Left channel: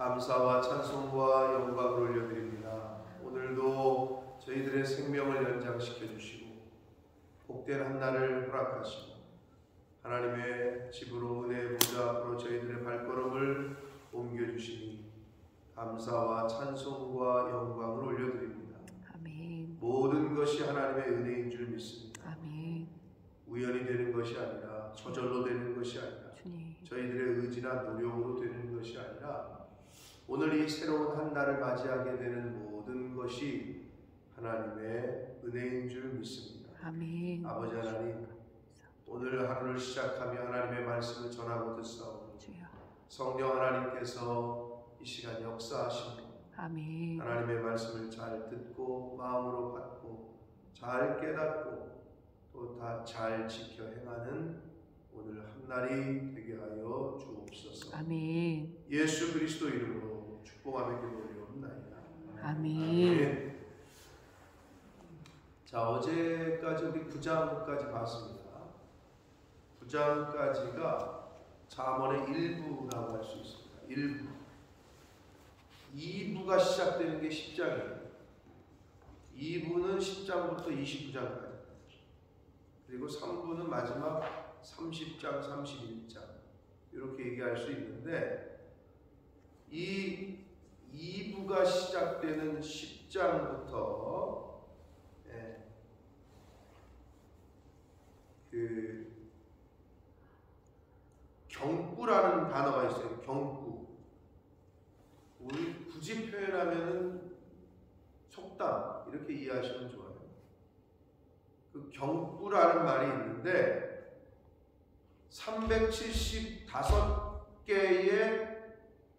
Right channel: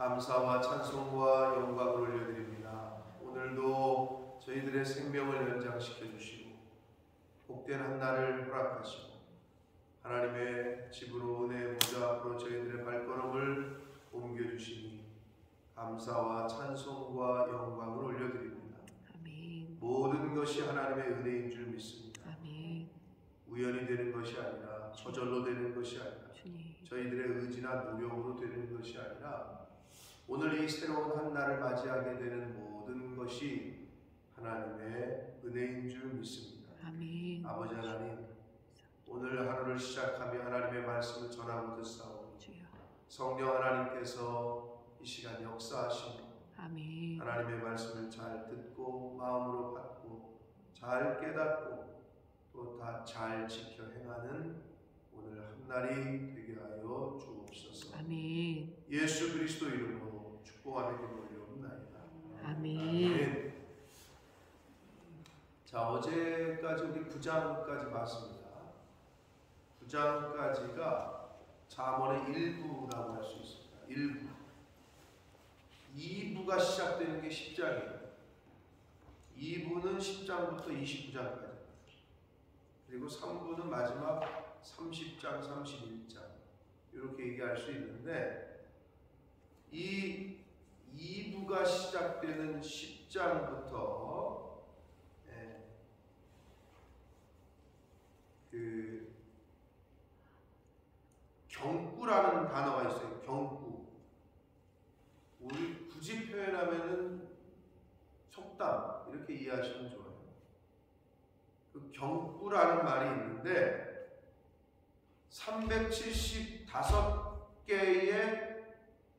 감사와 찬송과 영광을 올려드립니다. 오늘도 저희들의 생명을 연장시켜 주시고 복된 한날을 허락하시고 하나님의 집으로 은혜의 보좌 앞으로 저희들의 발걸음을 옮겨주시니 감사와 찬송과 영광을 올려드립니다. 아멘. 모든 것이 하나님의 은혜인 줄 믿습니다. 아멘. 우연히 되는 것이 아니라 저절로 되는 것이 아니라 주님. 저희들의 의지나 노력으로 되는 것이 아니라 오늘 이 새로운 한날을 맞이하게 되는 모든 것이 하나님의 은혜인 줄 믿습니다. 아멘. 아버지 하나님, 오늘 하루를 시작하며 하나님의 말씀을 전하고 듣사오니 주여. 성령 하나님께서 이 시간 역사하심으로 아멘. 하나님의 말씀을 잘 듣고 마음으로 받고 잘 깨닫고 또 다 잘 지켜 행하는 오늘 한날이 되게 하여 주옵소서. 아멘. 예수 그리스도 이름으로 축복하며 기도 올려옵나이다. 아멘. 자, 어제까지 우리 9장까지 봤습니다. 9장까지가 잠언의 일부라고 할 수 있습니다. 일부. 2부가 시작되는 게 10장이에요. 2부는 10장부터 29장까지. 그리고 3부는 마지막 30장, 31장. 이렇게 얘기할 수 있는데, 이 2부가 시작되는 10장부터 경구라는 단어가 있어요. 경구. 우리 굳이 표현하면은 속담 이렇게 이해하시면 좋아요. 그 경구라는 말이 있는데 375개의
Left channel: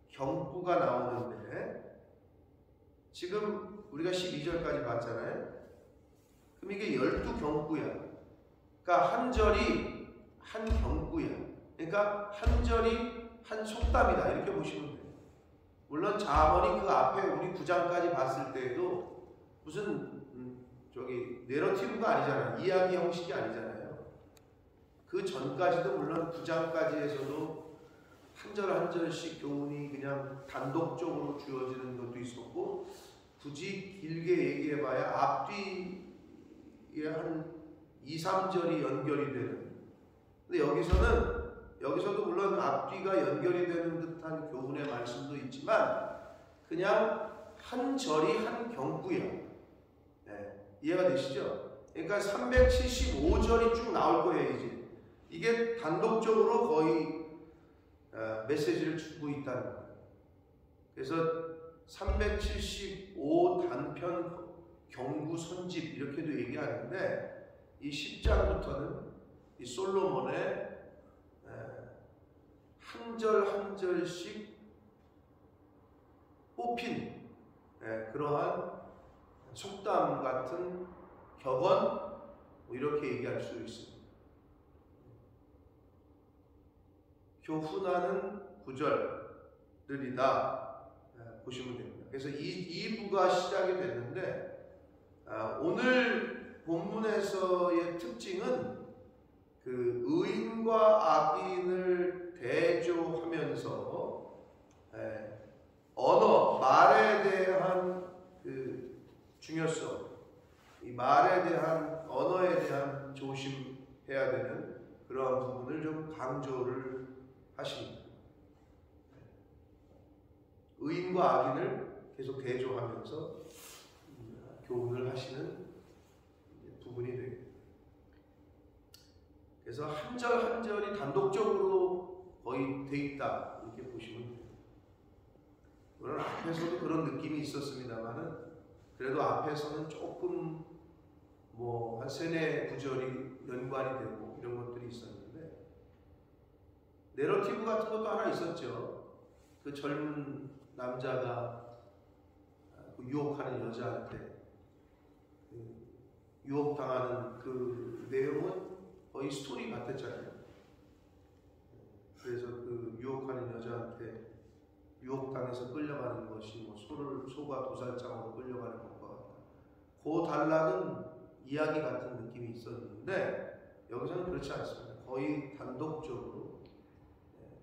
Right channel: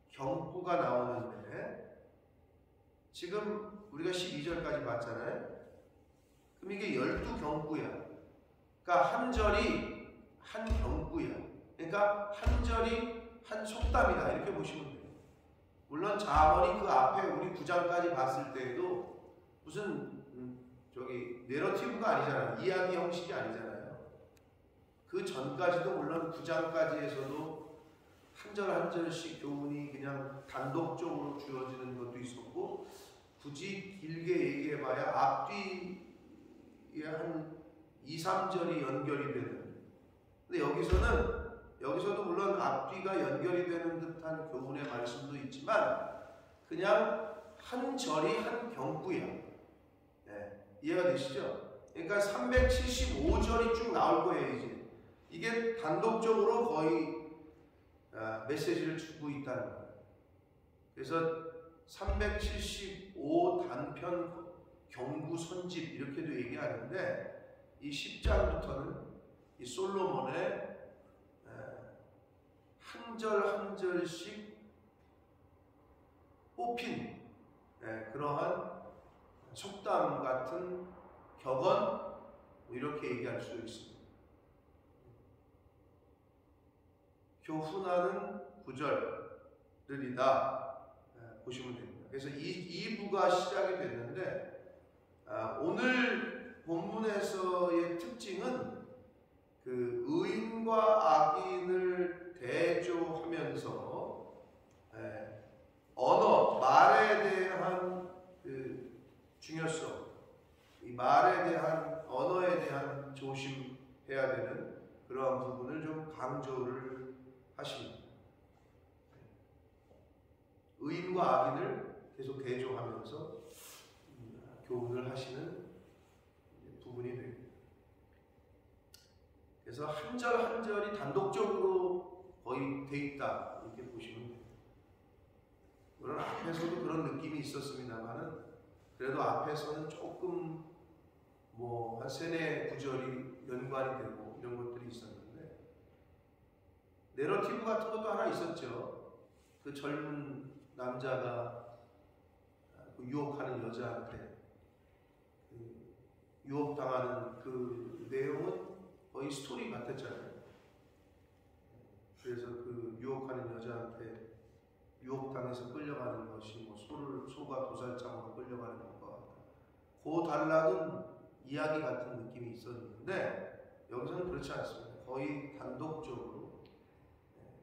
경구가 나오는데 지금 우리가 12절까지 봤잖아요. 그럼 이게 12경구야. 그러니까 한 절이 한 경구야. 그러니까 한 절이 한 속담이다. 이렇게 보시면 돼요. 물론 잠언이 그 앞에 우리 9장까지 봤을 때에도 무슨 내러티브가 아니잖아요. 이야기 형식이 아니잖아요. 그 전까지도 물론 9장까지에서도 한 절 한 절씩 교훈이 그냥 단독적으로 주어지는 것도 있었고 굳이 길게 얘기해봐야 앞뒤에 한 2, 3절이 연결이 되는. 근데 여기서도 물론 앞뒤가 연결이 되는 듯한 교훈의 말씀도 있지만 그냥 한 절이 한 경구야. 네, 이해가 되시죠? 그러니까 375절이 쭉 나올 거예요. 이제 이게 단독적으로 거의 메시지를 주고 있다는 거예요. 그래서 375 단편 경구 선집 이렇게도 얘기하는데 이 10장부터는 이 솔로몬의 한 절 한 절씩 뽑힌 그러한 속담 같은 격언 이렇게 얘기할 수 있습니다. 교훈하는 구절들이다 보시면 됩니다. 그래서 2부가 시작이 됐는데 오늘 본문에서의 특징은 그 의인과 악인을 대조하면서 언어, 말에 대한 그 중요성, 이 말에 대한 언어에 대한 조심해야 되는 그러한 부분을 좀 강조를 하십니다. 의인과 악인을 계속 대조하면서 교훈을 하시는 부분이 되겠습니다. 그래서 한 절 한 절이 단독적으로 거의 돼 있다 이렇게 보시면 돼요. 물론 앞에서도 그런 느낌이 있었습니다만은 그래도 앞에서는 조금 한 세네 구절이 연관이 되고 이런 것들이 있었는데 내러티브 같은 것도 하나 있었죠. 그 젊은 남자가 그 유혹하는 여자한테 유혹당하는 그 내용은 거의 스토리 같았잖아요. 그래서 그 유혹하는 여자한테 유혹당해서 끌려가는 것이 소가 도살장으로 끌려가는 것과 같다. 그 단락은 이야기 같은 느낌이 있었는데 여기서는 그렇지 않습니다. 거의 단독적으로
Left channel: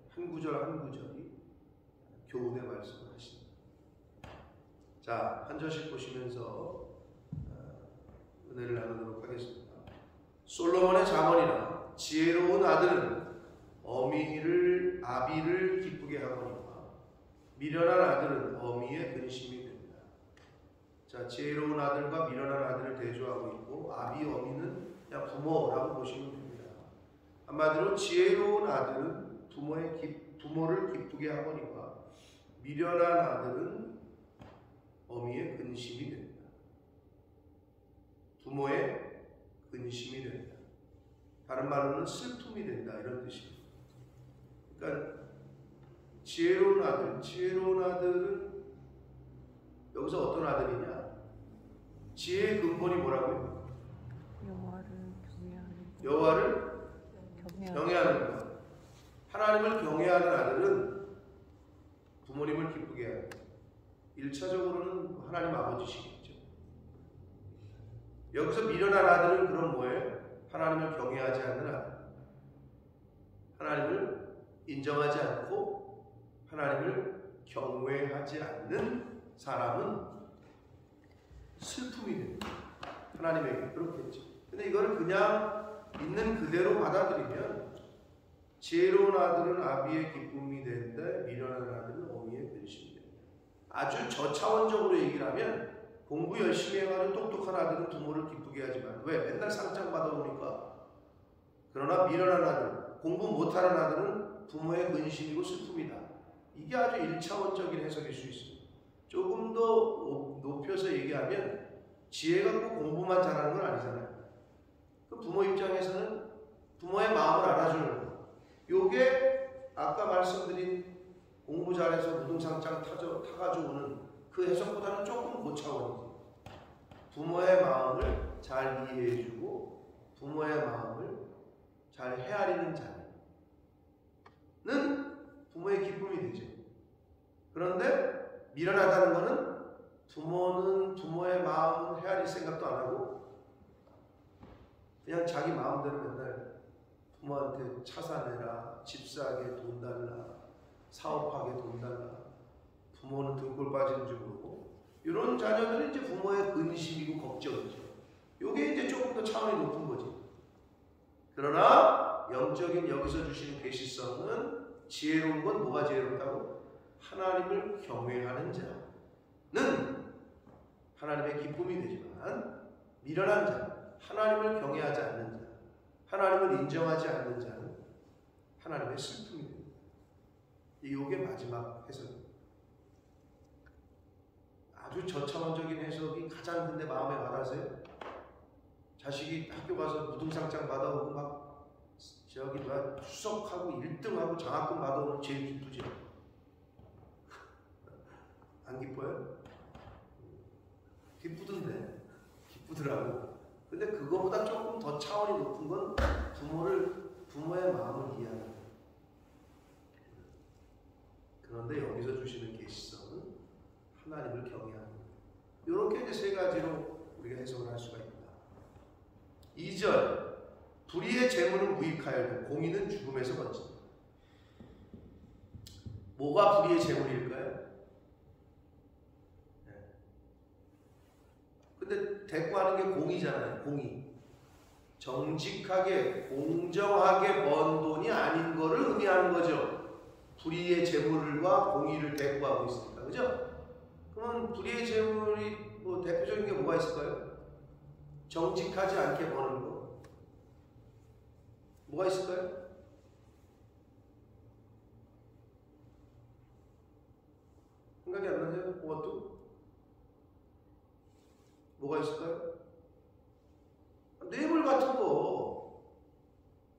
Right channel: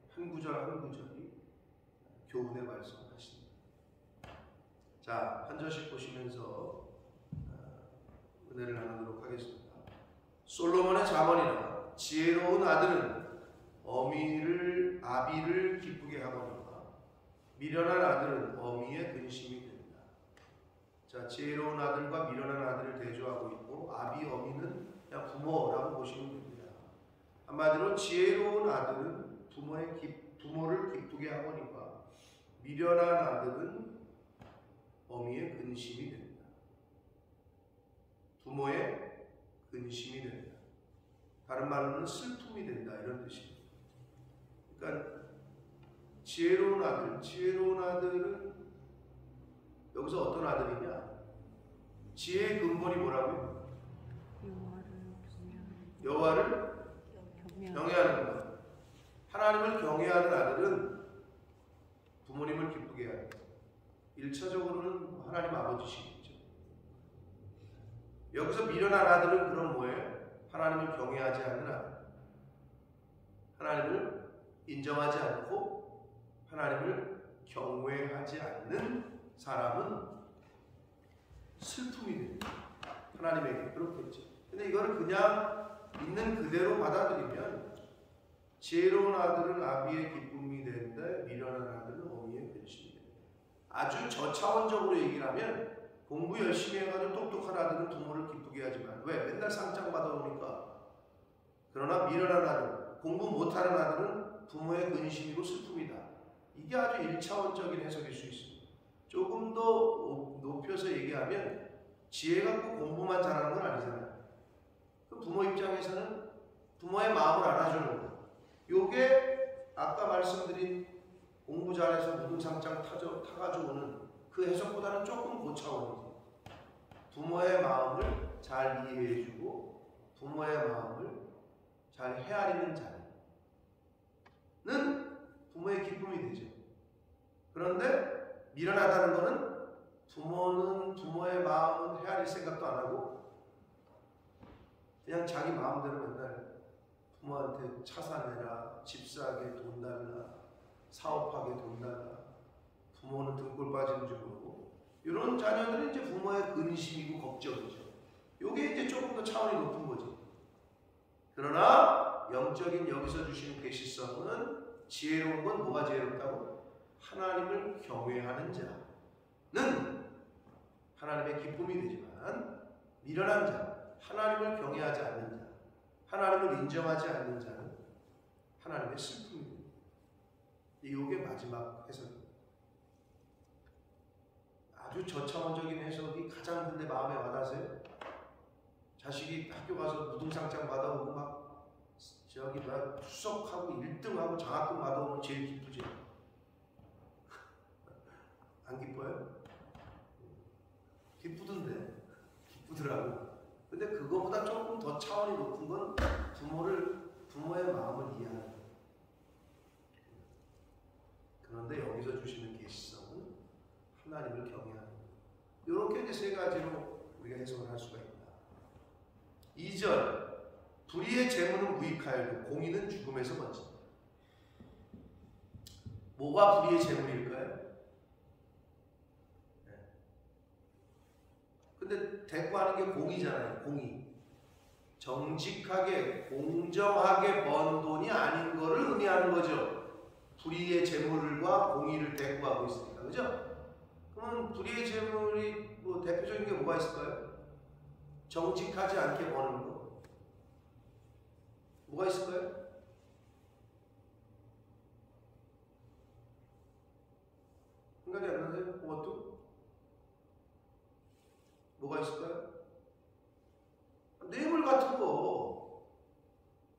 한 구절 한 구절이 교훈의 말씀을 하신다. 자, 한 절씩 보시면서 은혜를 나누도록 하겠습니다. 솔로몬의 잠언이라 지혜로운 아들은 아비를 기쁘게 하거니와 미련한 아들은 어미의 근심이 된다. 자, 지혜로운 아들과 미련한 아들을 대조하고 있고 아비, 어미는 그냥 부모라고 보시면 됩니다. 한마디로 지혜로운 아들은 부모를 기쁘게 하거니와 미련한 아들은 어미의 근심이 된다. 부모의 근심이 된다. 다른 말로는 슬픔이 된다, 이런 뜻입니다. 그러니까 지혜로운 아들은 여기서 어떤 아들이냐? 지혜의 근본이 뭐라고요? 여호와를 경외하는 것. 하나님을 경외하는 아들은 부모님을 기쁘게 하는 것. 1차적으로는 하나님 아버지시겠죠. 여기서 미련한 아들은 그럼 뭐예요? 하나님을 경외하지 않는 아들. 하나님을 인정하지 않고 하나님을 경외하지 않는 사람은 슬픔이 됩니다. 하나님에게 그렇겠죠. 근데 이거를 그냥 있는 그대로 받아들이면 지혜로운 아들은 아비의 기쁨이 된다. 미련한 아들은 어미의 근심이 된다. 아주 저차원적으로 얘기를 하면 공부 열심히 해가지고 똑똑한 아들은 부모를 기쁘게 하지만 왜? 맨날 상장 받아오니까. 그러나 미련한 아들, 공부 못하는 아들은 부모의 근심이고 슬픔이다. 이게 아주 1차원적인 해석일 수 있습니다. 조금 더 높여서 얘기하면 지혜 갖고 공부만 잘하는 건 아니잖아요. 그 부모 입장에서는 부모의 마음을 알아주는 거. 요게 아까 말씀드린 공부 잘해서 무등상장 타가지고 오는 그 해석보다는 조금 고차원이지. 부모의 마음을 잘 이해해주고 부모의 마음을 잘 헤아리는 자는 부모의 기쁨이 되죠. 그런데 미련하다는 것은 부모는 부모의 마음은 헤아릴 생각도 안 하고 그냥 자기 마음대로 맨날 부모한테 차 사내라, 집 사게 돈 달라, 사업하게 돈 달라, 부모는 등골 빠지는 줄 모르고 이런 자녀들은 이제 부모의 근심이고 걱정이죠. 요게 이제 조금 더 차원이 높은 거지. 그러나 영적인 여기서 주시는 계시성은 지혜로운 건 뭐가 지혜롭다고? 하나님을 경외하는 자는 하나님의 기쁨이 되지만 미련한 자, 하나님을 경외하지 않는 자, 하나님을 인정하지 않는 자는 하나님의 슬픔이 됩니다. 이게 마지막 해석입니다. 아주 저차원적인 해석이 가장 근데 마음에 와닿으세요? 자식이 학교 가서 무등상장 받아오고 막 저기 막 수석하고 1등하고 장학금 받아오면 제일 기쁘죠. 안 기뻐요? 기쁘더라고. 근데 그거보다 조금 더 차원이 높은 건 부모의 마음을 이해하는 거예요. 그런데 여기서 주시는 계시성은 하나님을 경외하는 거예요. 이렇게 이제 세 가지로 우리가 해석을 할 수가 있다. 2절, 불의의 재물은 무익하여도 공의는 죽음에서 건진다. 뭐가 불의의 재물일까요? 네. 근데 대꾸하는 게 공의잖아요. 공의. 정직하게 공정하게 번 돈이 아닌 거를 의미하는 거죠. 불의의 재물과 공의를 대꾸하고 있으니까. 그죠? 그러면 불의의 재물이 뭐 대표적인 게 뭐가 있을까요? 정직하지 않게 버는 거. 뭐가 있을까요? 생각이 안 나세요? 그것도? 뭐가 있을까요? 뇌물 같은 거.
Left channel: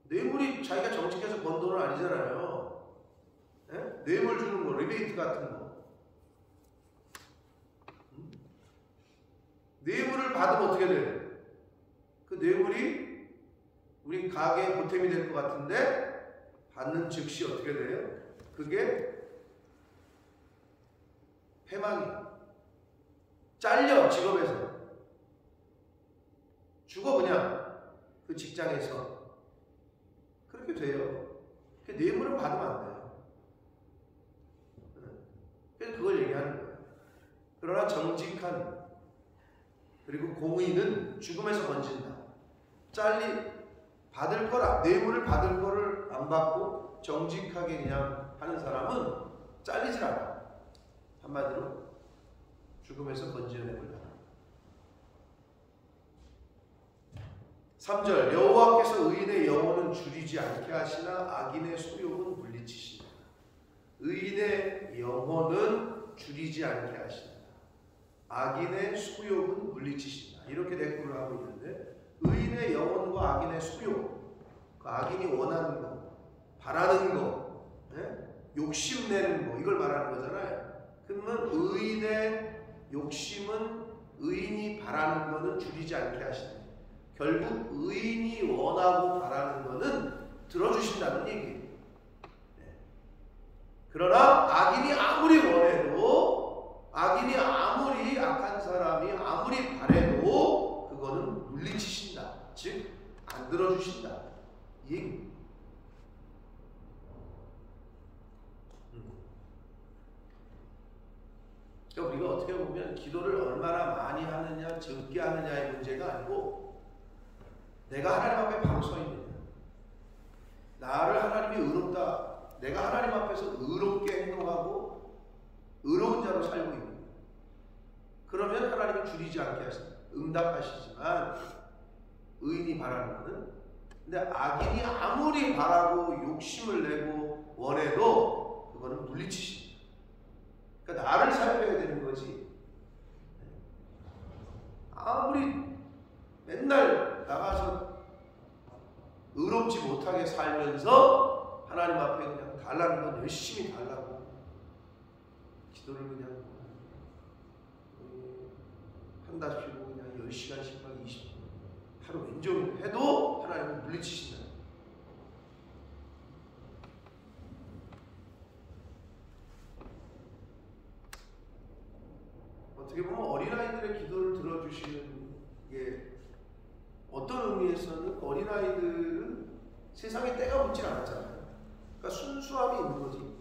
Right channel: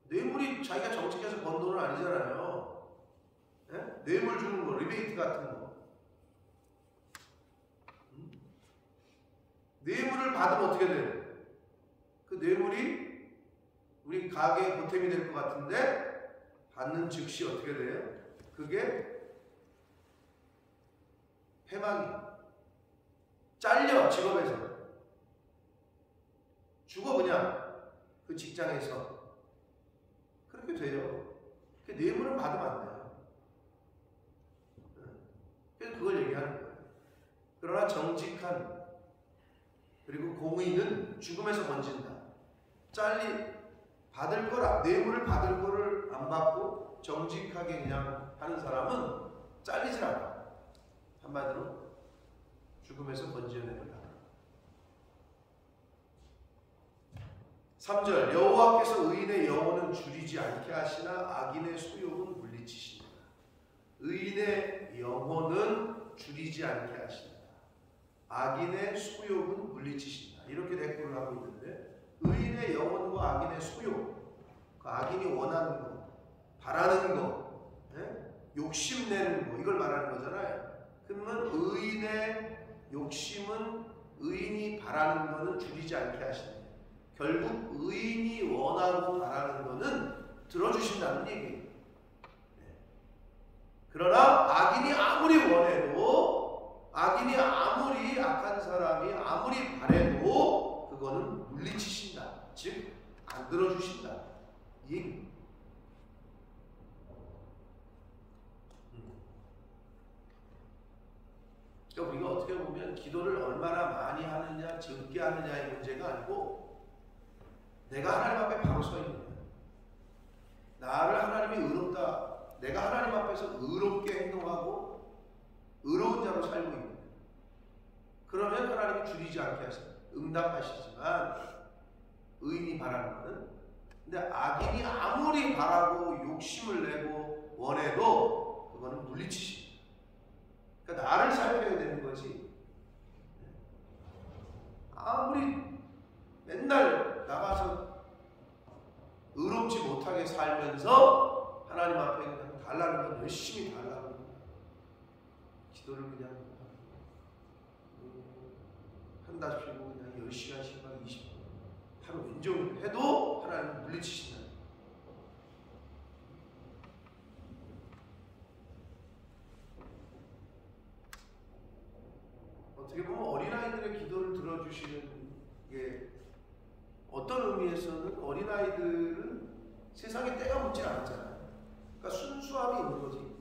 뇌물이 자기가 정직해서 번 돈은 아니잖아요. 네? 뇌물 주는 거, 리베이트 같은 거. 뇌물을 받으면 어떻게 돼요? 그 뇌물이 우리 가게에 보탬이 될 것 같은데 받는 즉시 어떻게 돼요? 그게 패망이에요. 잘려, 직업에서. 죽어, 그냥. 그 직장에서. 그렇게 돼요. 그 뇌물은 받으면 안 돼요. 그래서 그걸 얘기하는 거예요. 그러나 정직한 그리고 공의는 죽음에서 건진다. 받을 거라 뇌물을 받을 거를 안 받고 정직하게 그냥 하는 사람은 잘리질 않아. 한마디로 죽음에서 건져냄을 당한다. 3절 여호와께서 의인의 영혼은 줄이지 않게 하시나 악인의 소욕은 물리치신다. 의인의 영혼은 줄이지 않게 하신다. 악인의 소욕은 물리치신다. 이렇게 대꾸를 하고 있는데 의인의 영혼과 악인의 소욕, 그 악인이 원하는 거, 바라는 거, 욕심내는 거 이걸 말하는 거잖아요. 그러면 의인의 욕심은 의인이 바라는 거는 줄이지 않게 하신다. 결국 의인이 원하고 바라는 거는 들어주신다는 얘기예요. 그러나 악인이 아무리 원해도 악인이 아무리 악한 사람이 아무리 바래도 그거는 물리치신다. 즉 안 들어주신다. 이 얘기입니다. 그러니까 우리가 어떻게 보면 기도를 얼마나 많이 하느냐 적게 하느냐의 문제가 아니고 내가 하나님 앞에 바로 서 있느냐, 나를 하나님이 의롭다, 내가 하나님 앞에서 의롭게 행동하고 의로운 자로 살고 있느냐, 그러면 하나님이 줄이지 않게 하신다. 응답하시지만 의인이 바라는 것은, 근데 악인이 아무리 바라고 욕심을 내고 원해도 그거는 물리치신다. 그러니까 나를 살펴야 되는 거지. 아무리 맨날 나가서 의롭지 못하게 살면서 하나님 앞에 그냥 달라는 건 열심히 달라고 기도를 그냥 한답시고 그냥 10시간씩 막 20분 하루 왼종일 해도 하나님은 물리치신다. 어떻게 보면 어린아이들의 기도를 들어주시는 게 어떤 의미에서는 어린아이들은 세상에 때가 묻질 않았잖아요. 그러니까 순수함이 있는 거지.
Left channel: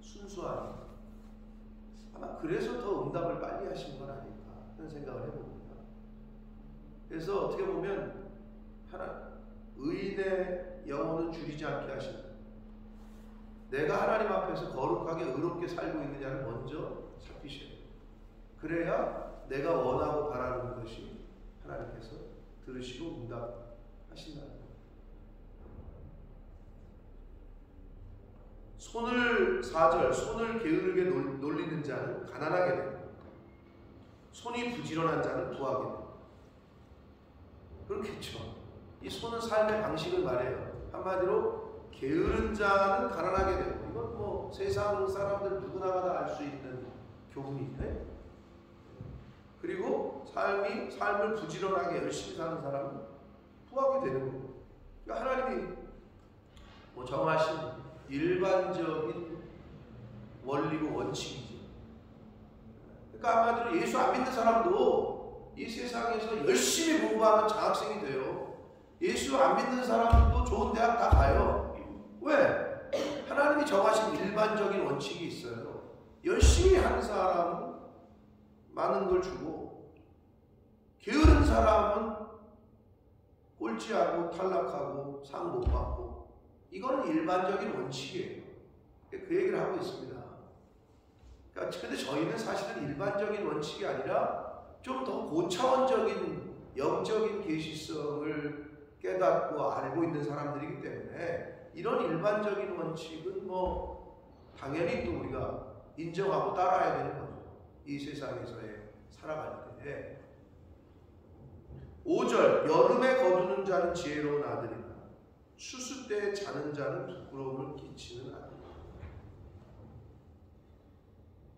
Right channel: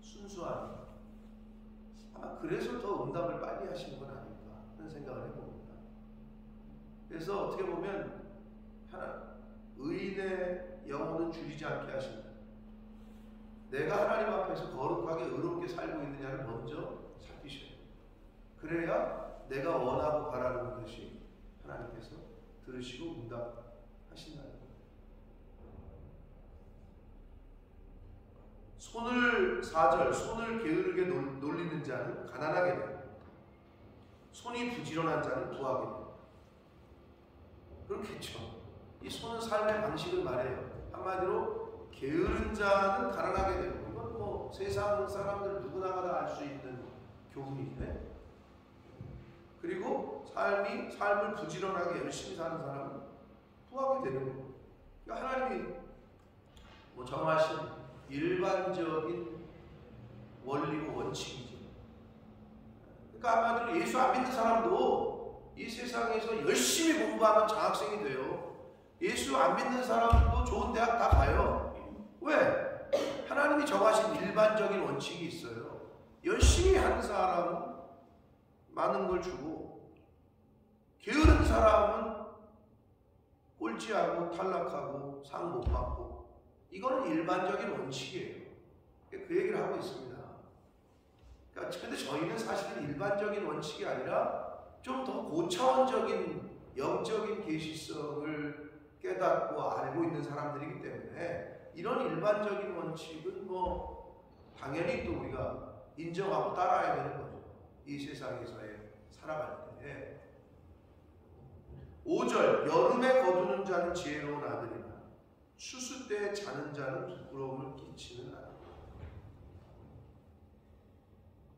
순수함이. 아마 그래서 더 응답을 빨리 하시는 건 아닐까 하는 생각을 해봅니다. 그래서 어떻게 보면 의인의 영혼은 줄이지 않게 하신다. 내가 하나님 앞에서 거룩하게 의롭게 살고 있느냐를 먼저 살피셔야 돼요. 그래야 내가 원하고 바라는 것이 하나님께서 들으시고 응답하신다는 거예요. 손을 4절 손을 게으르게 놀리는 자는 가난하게 됩니다. 손이 부지런한 자는 부하게 됩니다. 그렇겠죠. 이 손은 삶의 방식을 말해요. 한마디로 게으른 자는 가난하게 되고, 이건 뭐 세상 사람들 누구나가 다 알 수 있는 교훈이에요. 그리고 삶을 부지런하게 열심히 사는 사람은 부하게 되는 거고. 그러니까 하나님이 뭐 정하신 일반적인 원리고 원칙이죠. 그러니까 한마디로 예수 안 믿는 사람도 이 세상에서 열심히 공부하면 장학생이 돼요. 예수 안 믿는 사람도 좋은 대학 다 가요. 왜? 하나님이 정하신 일반적인 원칙이 있어요. 열심히 하는 사람은 많은 걸 주고, 게으른 사람은 꼴찌하고 탈락하고 상 못 받고, 이거는 일반적인 원칙이에요. 그 얘기를 하고 있습니다. 그러니까 근데 저희는 사실은 일반적인 원칙이 아니라 좀 더 고차원적인 영적인 계시성을 깨닫고 알고 있는 사람들이기 때문에 이런 일반적인 원칙은 뭐 당연히 또 우리가 인정하고 따라야 되는 거죠. 이 세상에서의 살아갈 때. 5절 여름에 거두는 자는 지혜로운 아들이나 추수 때 자는 자는 부끄러움을 끼치는 아들이다.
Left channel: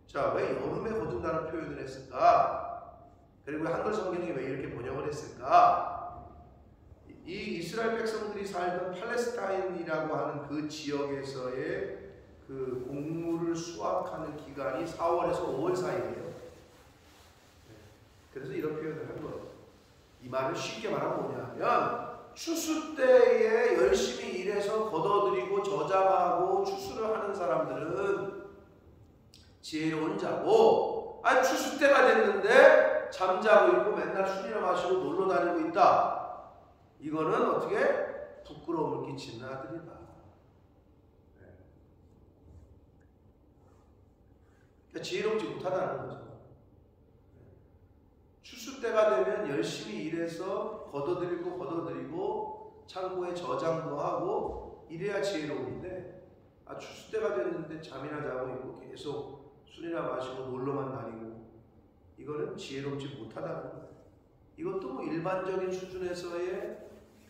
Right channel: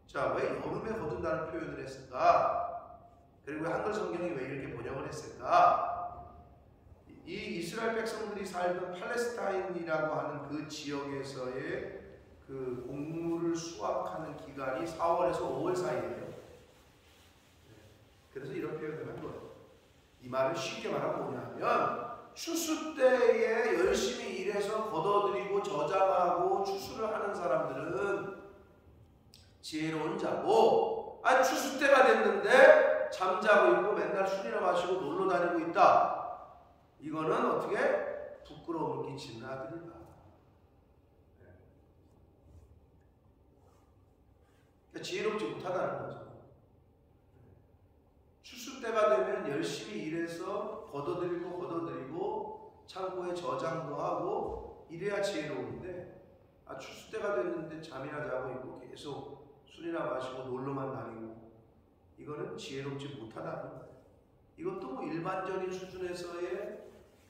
자, 왜 여름에 거둔다는 표현을 했을까? 그리고 한글 성경이 왜 이렇게 번역을 했을까? 이 이스라엘 백성들이 살던 팔레스타인이라고 하는 그 지역에서의 그 곡물을 수확하는 기간이 4월에서 5월 사이예요. 그래서 이런 표현을 한 거예요. 이 말은 쉽게 말하면 뭐냐면 추수 때에 열심히 일해서 걷어들이고 저장하고 추수를 하는 사람들은 지혜로운 자고, 추수 때가 됐는데 잠자고 있고 맨날 술이나 마시고 놀러 다니고 있다. 이거는 어떻게 부끄러움을 끼치는 아들이다. 그러니까 지혜롭지 못하다는 거죠. 추수 때가 되면 열심히 일해서 걷어들이고 창고에 저장도 하고 이래야 지혜로운데, 추수 때가 됐는데 잠이나 자고 있고 계속 술이나 마시고 놀러만 다니고, 이거는 지혜롭지 못하다는 거예요. 이것도 뭐 일반적인 수준에서의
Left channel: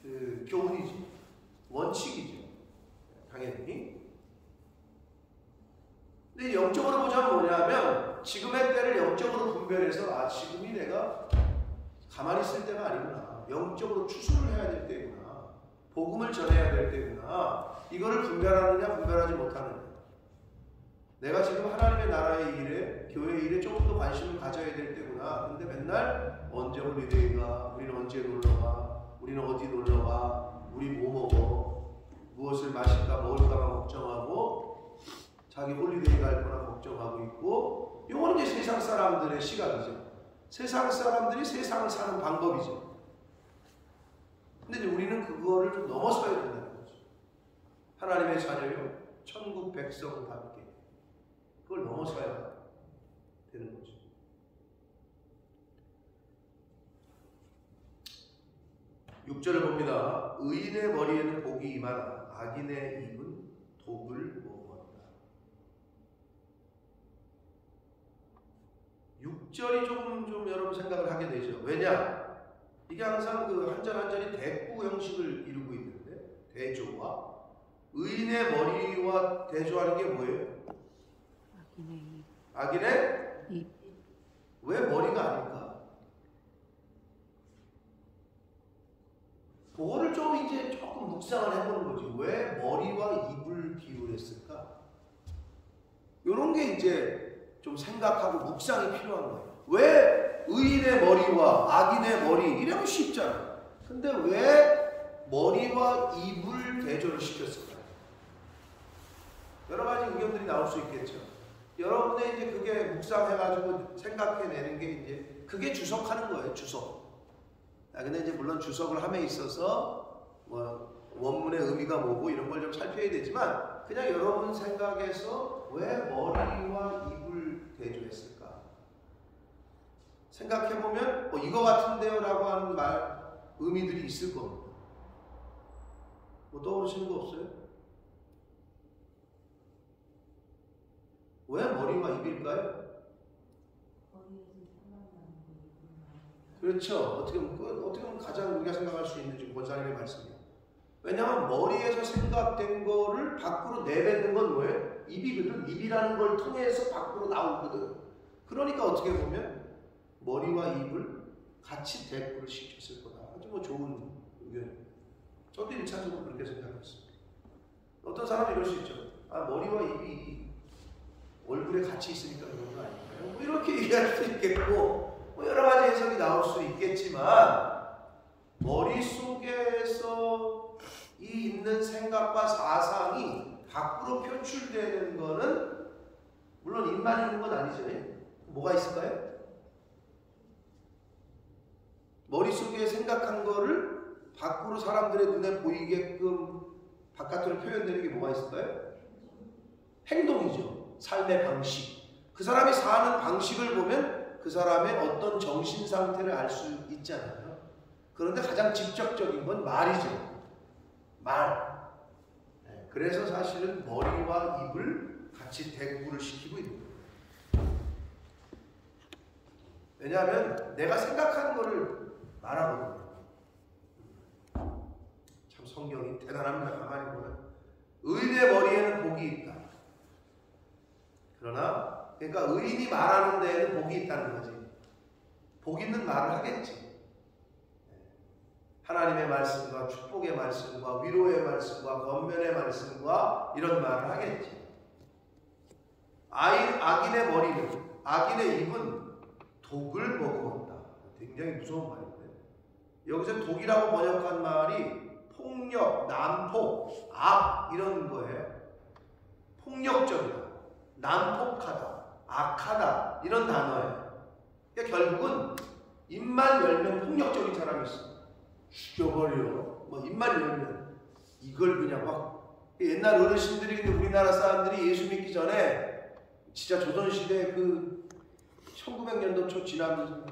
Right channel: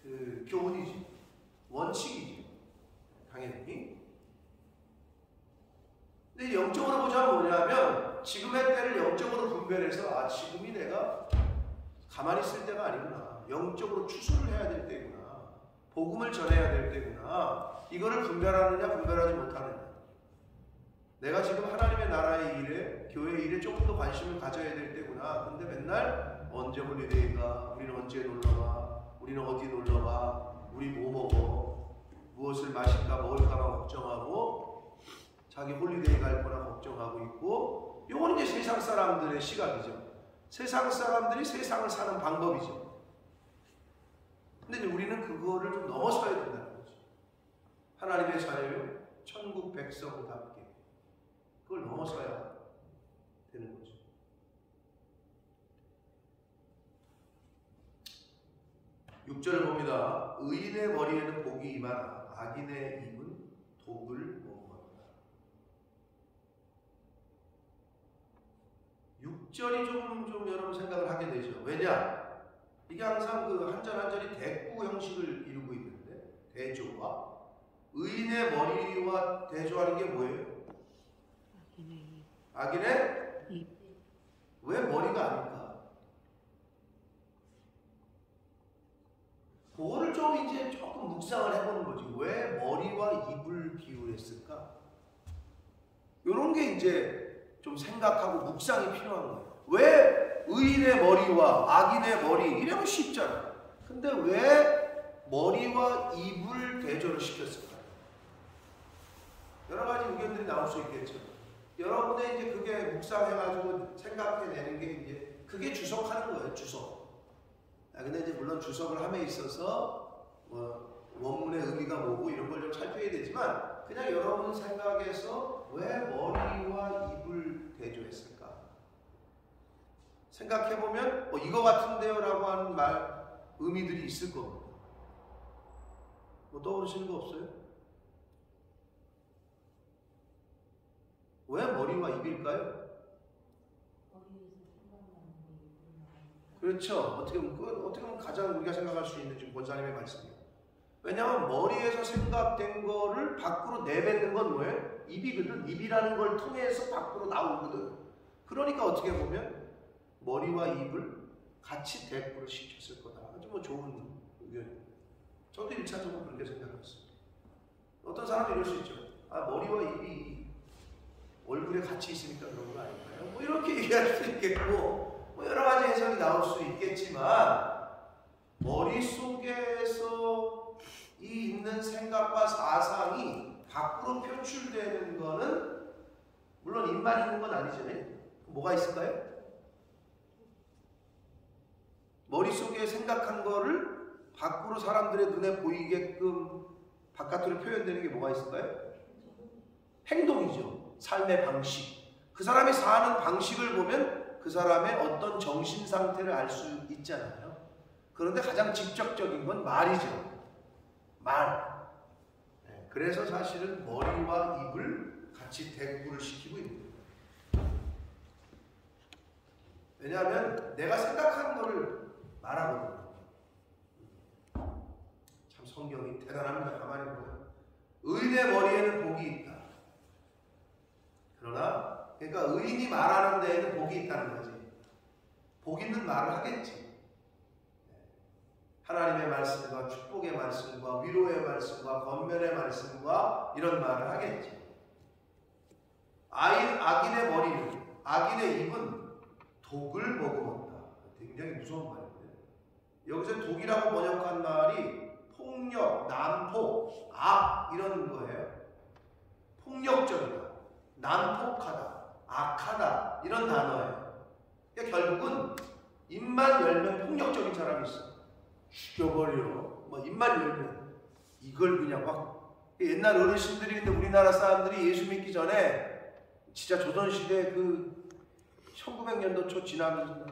그 교훈이죠. 원칙이죠. 당연히. 근데 영적으로 보자면 뭐냐면, 지금의 때를 영적으로 분별해서 지금이 내가 가만히 있을 때가 아니구나, 영적으로 추수를 해야 될 때구나, 복음을 전해야 될 때구나, 이거를 분별하느냐 분별하지 못하느냐. 내가 지금 하나님의 나라의 일에, 교회 일에 조금 더 관심을 가져야 될 때구나. 근데 맨날 언제 홀리데이가, 우리는 언제 놀러가, 우리는 어디 놀러가, 우리 뭐 먹어, 무엇을 마실까 먹을까만 걱정하고 자기 홀리데이 갈 거나 걱정하고 있고, 이건 이제 세상 사람들의 시각이죠. 세상 사람들이 세상을 사는 방법이죠. 근데 이제 우리는 그거를 좀 넘어서야 된다는 거죠. 하나님의 자녀요, 천국 백성답게 그걸 넘어서야 되는 거죠. (6절을) 봅니다. 의인의 머리에는 복이 임하나 악인의 입은 독을 머금었다. 6절이 좀 여러분 생각을 하게 되죠. 왜냐? 이게 항상 그 한 절 한 절이 대꾸 형식을 이루고 있는데, 대조와 의인의 머리와 대조하는 게 뭐예요? 악인의 입. 왜 머리가 아닐까? 그거를 좀 이제 조금 묵상을 해보는 거지. 왜 머리와 입을 기울였을까? 이런 게 이제 좀 생각하고 묵상이 필요한 거예요. 왜 의인의 머리와 악인의 머리, 이러면 쉽잖아. 근데 왜 머리와 입을 대조를 시켰을까요? 여러 가지 의견들이 나올 수 있겠죠. 여러분의 이제 그게 묵상해가지고 생각해내는 게 이제 그게 주석하는 거예요. 주석. 근데 이제 물론 주석을 함에 있어서 뭐 원문의 의미가 뭐고 이런 걸 좀 살펴야 되지만, 그냥 여러분 생각에서 왜 머리와 입을 대조했을까? 생각해보면 이거 같은데요 라고 하는 의미들이 있을 겁니다. 뭐 떠오르시는 거 없어요? 왜 머리와 입일까요? 그렇죠. 어떻게 보면 가장 우리가 생각할 수 있는 지금 권사님의 말씀이에요. 왜냐하면 머리에서 생각된 거를 밖으로 내뱉는 건 뭐예요? 입이거든. 입이라는 걸 통해서 밖으로 나오거든. 그러니까 어떻게 보면 머리와 입을 같이 대꾸를 시켰을 거다. 아주 뭐 좋은 의견이에요. 저도 1차적으로 그렇게 생각했습니다. 어떤 사람도 이럴 수 있죠. 머리와 입이 얼굴에 같이 있으니까 그런 거 아닌가요? 뭐 이렇게 얘기할 수 있겠고, 뭐 여러 가지 해석이 나올 수 있겠지만, 머릿속에서 이 있는 생각과 사상이 밖으로 표출되는 거는 물론 입만 있는 건 아니잖아요. 뭐가 있을까요? 머릿속에 생각한 거를 밖으로 사람들의 눈에 보이게끔 바깥으로 표현되는 게 뭐가 있을까요? 행동이죠. 삶의 방식. 그 사람이 사는 방식을 보면 그 사람의 어떤 정신 상태를 알 수 있잖아요. 그런데 가장 직접적인 건 말이죠. 말. 그래서 사실은 머리와 입을 같이 대꾸를 시키고 있는 거예요. 왜냐하면 내가 생각한 거를 말하거든요. 참 성경이 대단합니다. 가만히 보면 의인의 머리에는 복이 있다. 그러나 그러니까 의인이 말하는 데에는 복이 있다는 거지. 복 있는 말을 하겠지. 하나님의 말씀과 축복의 말씀과 위로의 말씀과 권면의 말씀과 이런 말을 하겠지. 악인의 머리는, 악인의 입은 독을 머금었다. 굉장히 무서운 말인데, 여기서 독이라고 번역한 말이 폭력, 난폭, 악 이런 거예요. 폭력적이다, 난폭하다, 악하다 이런 단어예요. 그러니까 결국은 입만 열면 폭력적인 사람이 있어. 죽여버려. 뭐 입만 열면 이걸 그냥 막. 옛날 어르신들이, 우리나라 사람들이 예수 믿기 전에 진짜 조선시대 그 1900년도 초 지나면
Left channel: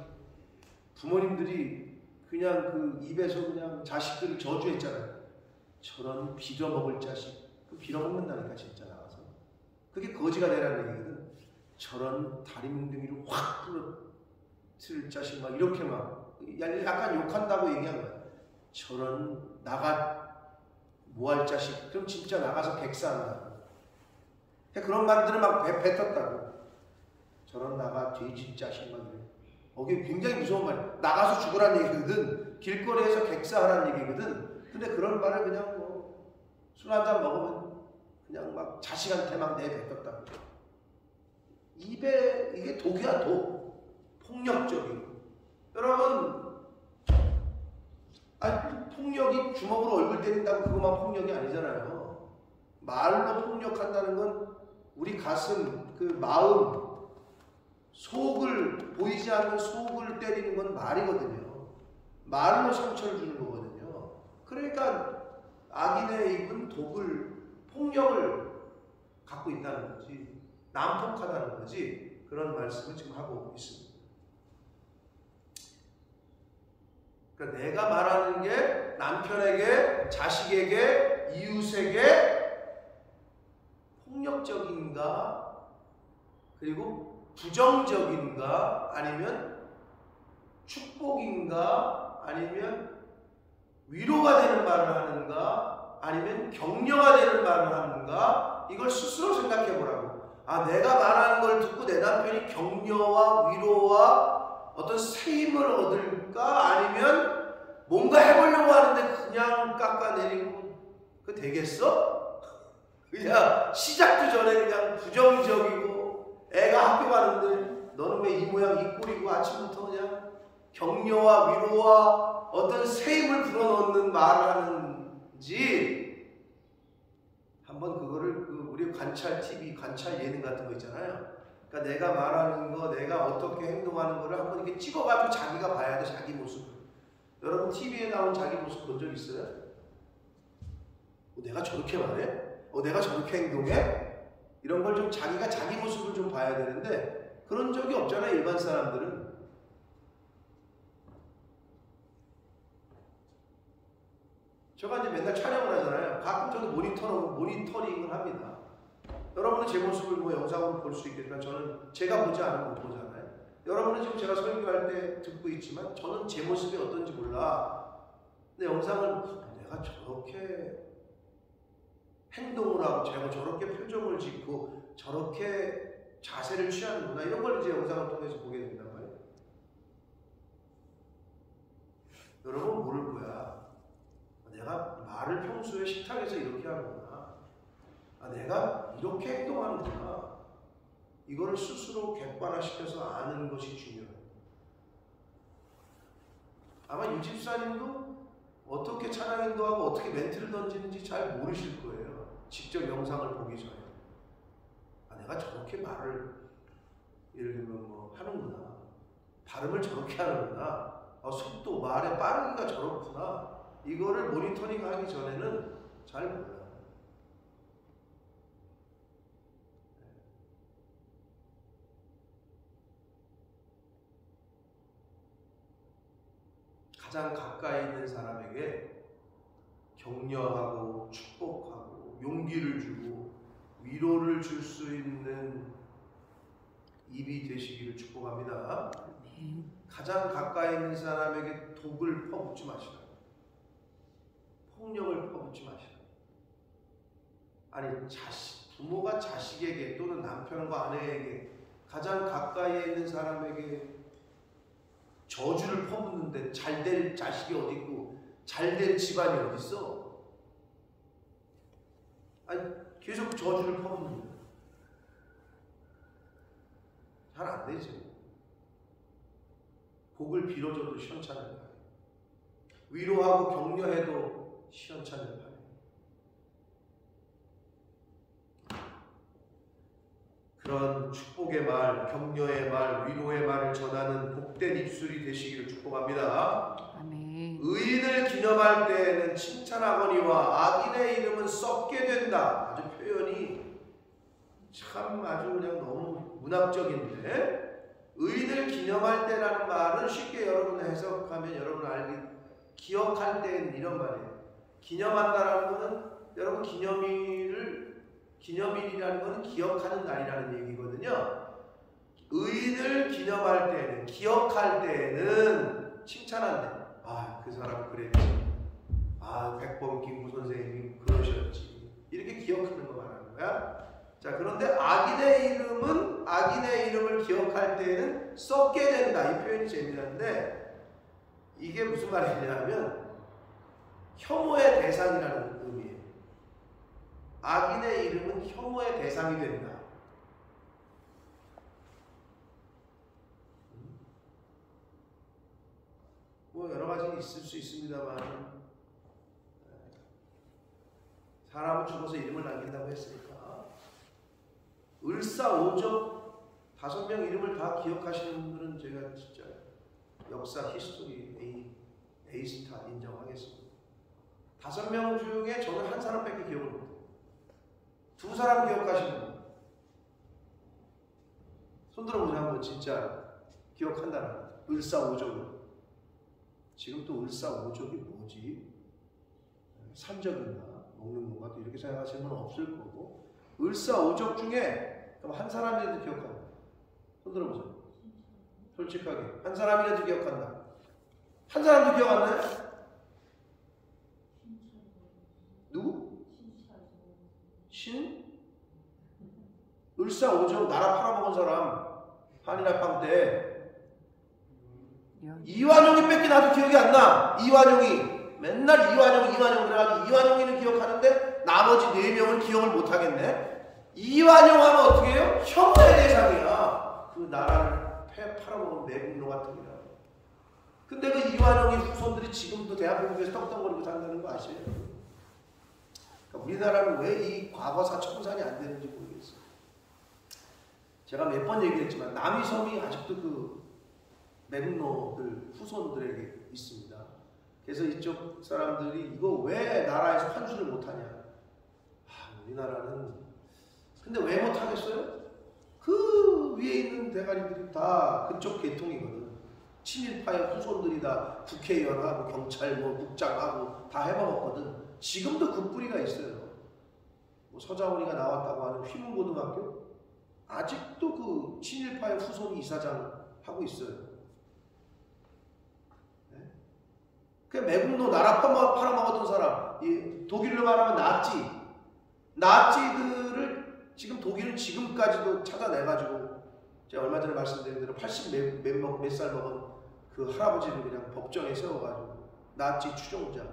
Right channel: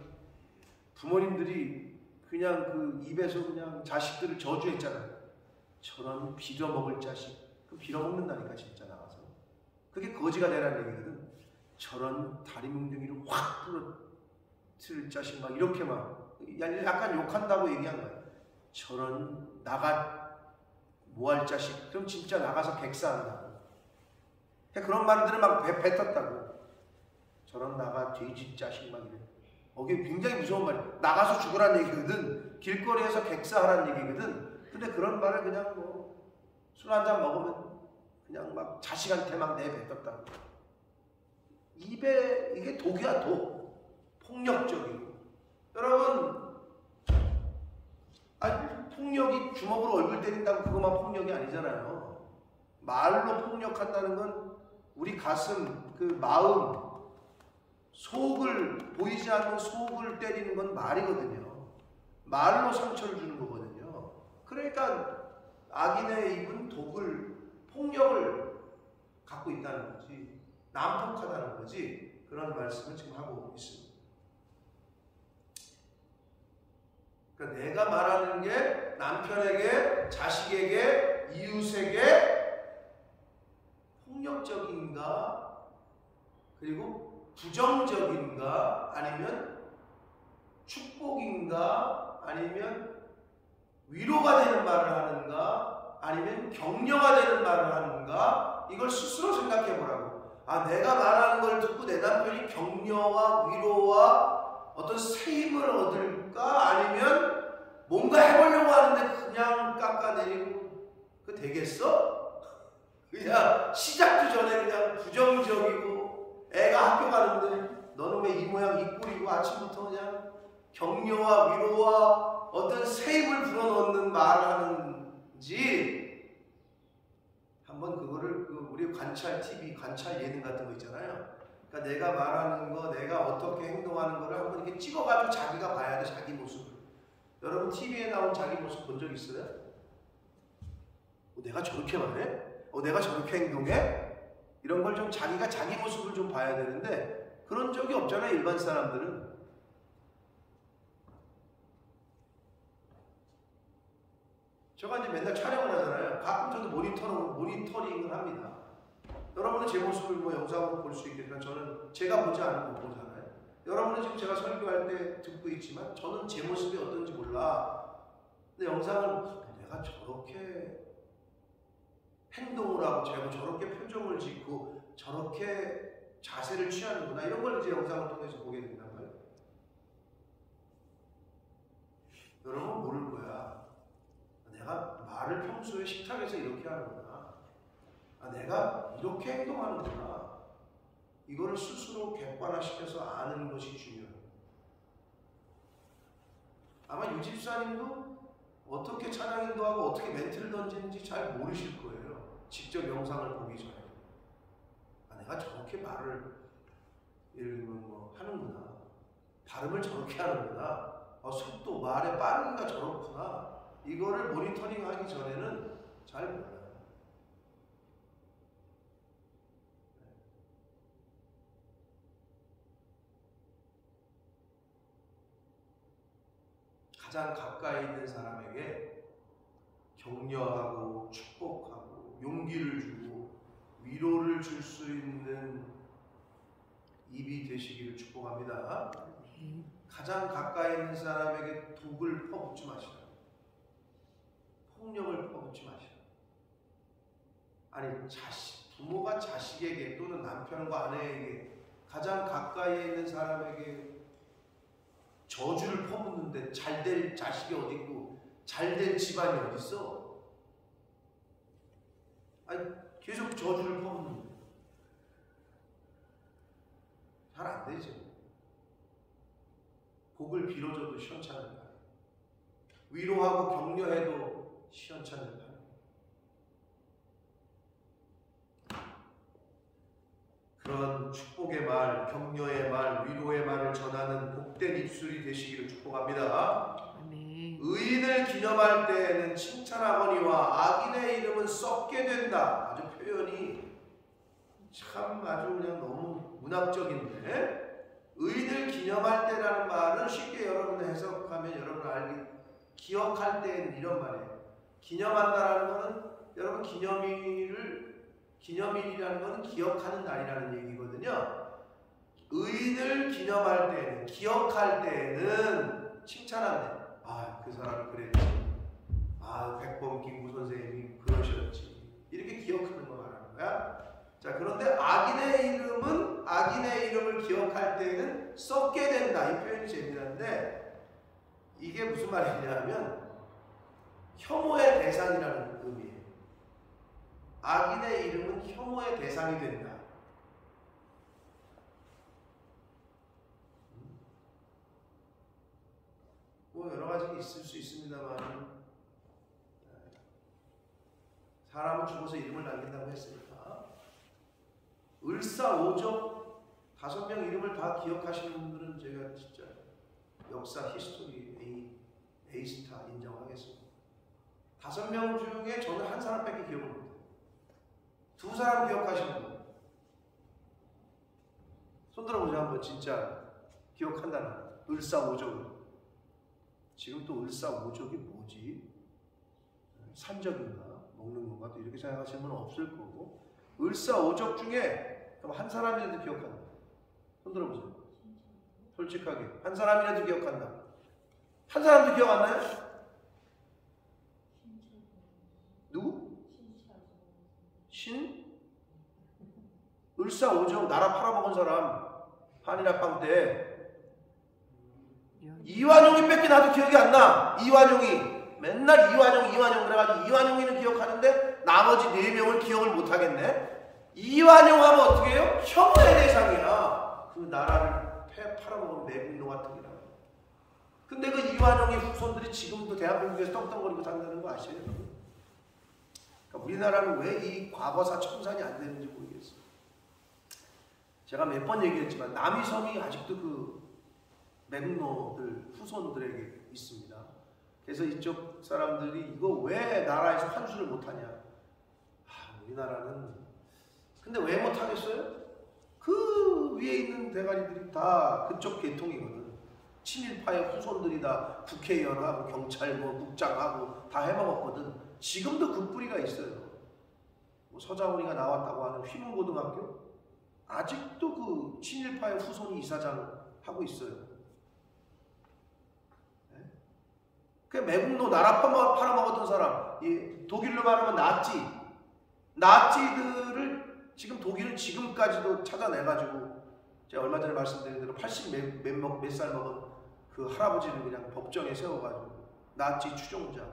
부모님들이 그냥 그 입에서 그냥 자식들을 저주했잖아요. 저런 빌어먹을 자식. 그 빌어먹는다니까 진짜 나가서. 그게 거지가 되라는 얘기거든. 저런 다리 뭉둥이를 확 부러뜨릴 자식 막 이렇게 막 약간 욕한다고 얘기한 거야. 저런 나가 뭐할 자식. 그럼 진짜 나가서 백사한다고. 그런 말들을 막 뱉었다고. 저런 나가 돼지 자식 막 이래. 이게 굉장히 무서운 말이야. 나가서 죽으라는 얘기거든. 길거리에서 객사하라는 얘기거든. 근데 그런 말을 그냥 뭐 술 한잔 먹으면 그냥 막 자식한테 막 내뱉었다고. 입에 이게 독이야, 독. 폭력적이고. 여러분, 폭력이 주먹으로 얼굴 때린다고 그것만 폭력이 아니잖아요. 말로 폭력한다는 건 우리 가슴, 그 마음, 속을, 보이지 않는 속을 때리는 건 말이거든요. 말로 상처를 주는 거거든요. 그러니까 악인의 입은 독을, 폭력을 갖고 있다는 거지. 난폭하다는 거지. 그런 말씀을 지금 하고 있습니다. 그러니까 내가 말하는 게 남편에게, 자식에게, 이웃에게 폭력적인가, 그리고 부정적인가, 아니면 축복인가, 아니면 위로가 되는 말을 하는가, 아니면 격려가 되는 말을 하는가, 이걸 스스로 생각해 보라고. 내가 말하는 걸 듣고 내 남편이 격려와 위로와 어떤 세임을 얻을까, 아니면 뭔가 해보려고 하는데 그냥 깎아내리고 그거 되겠어? 그냥 시작도 전에 그냥 부정적이고, 애가 학교 가는데 너는 왜 이 모양 이 꼴이고, 아침부터 그냥 격려와 위로와 어떤 세임을 불어넣는 말을 하는지 한번 그거를 우리 관찰 TV, 관찰 예능 같은 거 있잖아요. 그러니까 내가 말하는 거, 내가 어떻게 행동하는 거를 한번 이렇게 찍어가지고 자기가 봐야 돼, 자기 모습을. 여러분 TV에 나온 자기 모습 본 적 있어요? 내가 저렇게 말해? 내가 저렇게 행동해? 이런 걸 좀 자기가 자기 모습을 좀 봐야 되는데 그런 적이 없잖아요, 일반 사람들은. 제가 이제 맨날 촬영을 하잖아요. 가끔 저도 모니터링을 합니다. 여러분은 제 모습을 뭐 영상으로 볼 수 있겠지만 저는 제가 보지 않으면 못 보잖아요. 여러분은 지금 제가 설교할 때 듣고 있지만 저는 제 모습이 어떤지 몰라. 근데 영상을 내가 저렇게 행동을 하고 저렇게 표정을 짓고 저렇게 자세를 취하는구나, 이런 걸 이제 영상을 통해서 보게 된단 말이에요. 여러분 모를 거야. 내가 말을 평소에 식탁에서 이렇게 하는구나. 내가 이렇게 행동하는구나. 이거를 스스로 객관화시켜서 아는 것이 중요해요. 아마 유 집사님도 어떻게 찬양 인도하고 어떻게 멘트를 던지는지 잘 모르실 거예요. 직접 영상을 보기 전에. 내가 저렇게 말을 예를 들면 뭐 하는구나. 발음을 저렇게 하는구나. 속도, 말의 빠르기가 저렇구나. 이거를 모니터링 하기 전에는 잘 몰라요. 가장 가까이 있는 사람에게 격려하고 축복하고 용기를 주고 위로를 줄 수 있는 입이 되시기를 축복합니다. 가장 가까이 있는 사람에게 독을 퍼붓지 마시라. 폭력을 퍼붓지 마시라. 아니, 부모가 자식에게 또는 남편과 아내에게 가장 가까이에 있는 사람에게 저주를 퍼붓는데 잘 될 자식이 어디 있고 잘 될 집안이 어디 있어? 계속 저주를 퍼붓는데 잘 안 되죠. 복을 빌어줘도 시원찮을까요? 위로하고 격려해도 시원찮을 판에 그런 축복의 말, 격려의 말, 위로의 말을 전하는 복된 입술이 되시기를 축복합니다. 아멘. 의인을 기념할 때에는 칭찬하거니와 악인의 이름은 썩게 된다. 아주 표현이 참 아주 그냥 너무 문학적인데, 의인을 기념할 때라는 말은 쉽게 여러분 해석하면 여러분 기억할 때는 이런 말이에요. 기념한다라는 것은 여러분 기념일이라는 것은 기억하는 날이라는 얘기거든요. 의인을 기념할 때는, 기억할 때는 칭찬한대. 아, 그 사람 그랬지. 아, 백범김구 선생님이 그러셨지. 이렇게 기억하는 거 말하는 거야. 자, 그런데 악인의 이름을 기억할 때는 썩게 된다. 이 표현이 재미난데, 이게 무슨 말이냐면 혐오의 대상이라는 의미예요. 악인의 이름은 혐오의 대상이 된다. 뭐 여러 가지 있을 수 있습니다만, 사람은 죽어서 이름을 남긴다고 했으니까 을사오적 5명 이름을 다 기억하시는 분들은 제가 진짜 역사 히스토리 A스타 인정하겠습니다. 5명 중에 저는 한 사람밖에 기억을 못해요. 2사람 기억하시는 분 손 들어보세요. 한번 진짜 기억한다는 을사오적을. 지금 또 을사오적이 뭐지? 산적인가? 먹는 건가? 또 이렇게 생각하시는 분은 없을 거고, 을사오적 중에 그럼 한 사람이라도 기억한다. 손 들어보세요. 솔직하게 한 사람이라도 기억한다. 한 사람도 기억 안 나요? 누구? 을사오적 나라 팔아먹은 사람, 한일합방 때 이완용이 뺏기 나도 기억이 안 나. 이완용이 맨날 이완용 그래가지고 이완용이는 기억하는데 나머지 4명은 기억을 못 하겠네. 이완용 하면 어떻게 해요? 혐오의 대상이야. 그 나라를 팔아먹은 매국노 같은 이라고. 근데 그 이완용의 후손들이 지금도 대한민국에서 떵떵거리고 산다는 거 아시죠? 그러니까 우리나라는 왜 이 과거사 청산이 안 되는지 모르겠어요. 제가 몇 번 얘기했지만 남이섬이 아직도 그 매국노들 후손들에게 있습니다. 그래서 이쪽 사람들이 이거 왜 나라에서 환수를 못하냐. 우리나라는 근데 왜 못하겠어요? 그 위에 있는 대가리들이 다 그쪽 계통이거든. 친일파의 후손들이 다 국회의원하고 경찰 국장하고 다 해먹었거든. 지금도 그 뿌리가 있어요. 뭐 서장훈이가 나왔다고 하는 휘문고등학교 아직도 그 친일파의 후손이 이사장 하고 있어요. 네? 그 매국노 나라 팔아먹었던 사람, 독일로 말하면 나치들을 지금 독일은 지금까지도 찾아내가지고 제가 얼마 전에 말씀드린 대로 80 몇 살 먹은 그 할아버지를 그냥 법정에 세워가지고 나치 추종자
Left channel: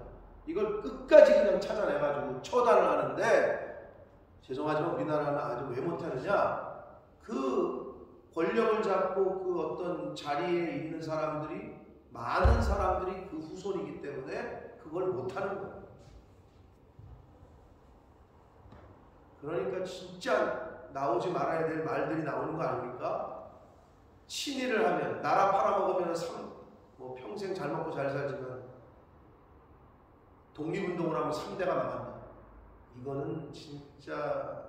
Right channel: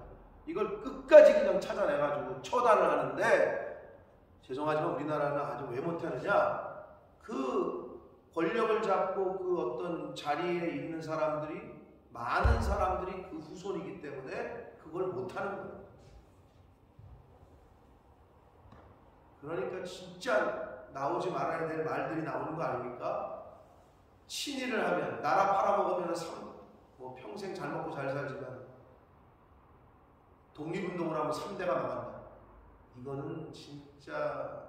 이걸 끝까지 그냥 찾아내가지고 처단을 하는데, 죄송하지만 우리나라는 아주 왜 못하느냐, 그 권력을 잡고 그 어떤 자리에 있는 사람들이, 많은 사람들이 그 후손이기 때문에 그걸 못하는 거예요. 그러니까 진짜 나오지 말아야 될 말들이 나오는 거 아닙니까? 친일을 하면, 나라 팔아먹으면 평생 잘 먹고 잘 살지만 독립운동을 하면 3대가 망한다. 이거는 진짜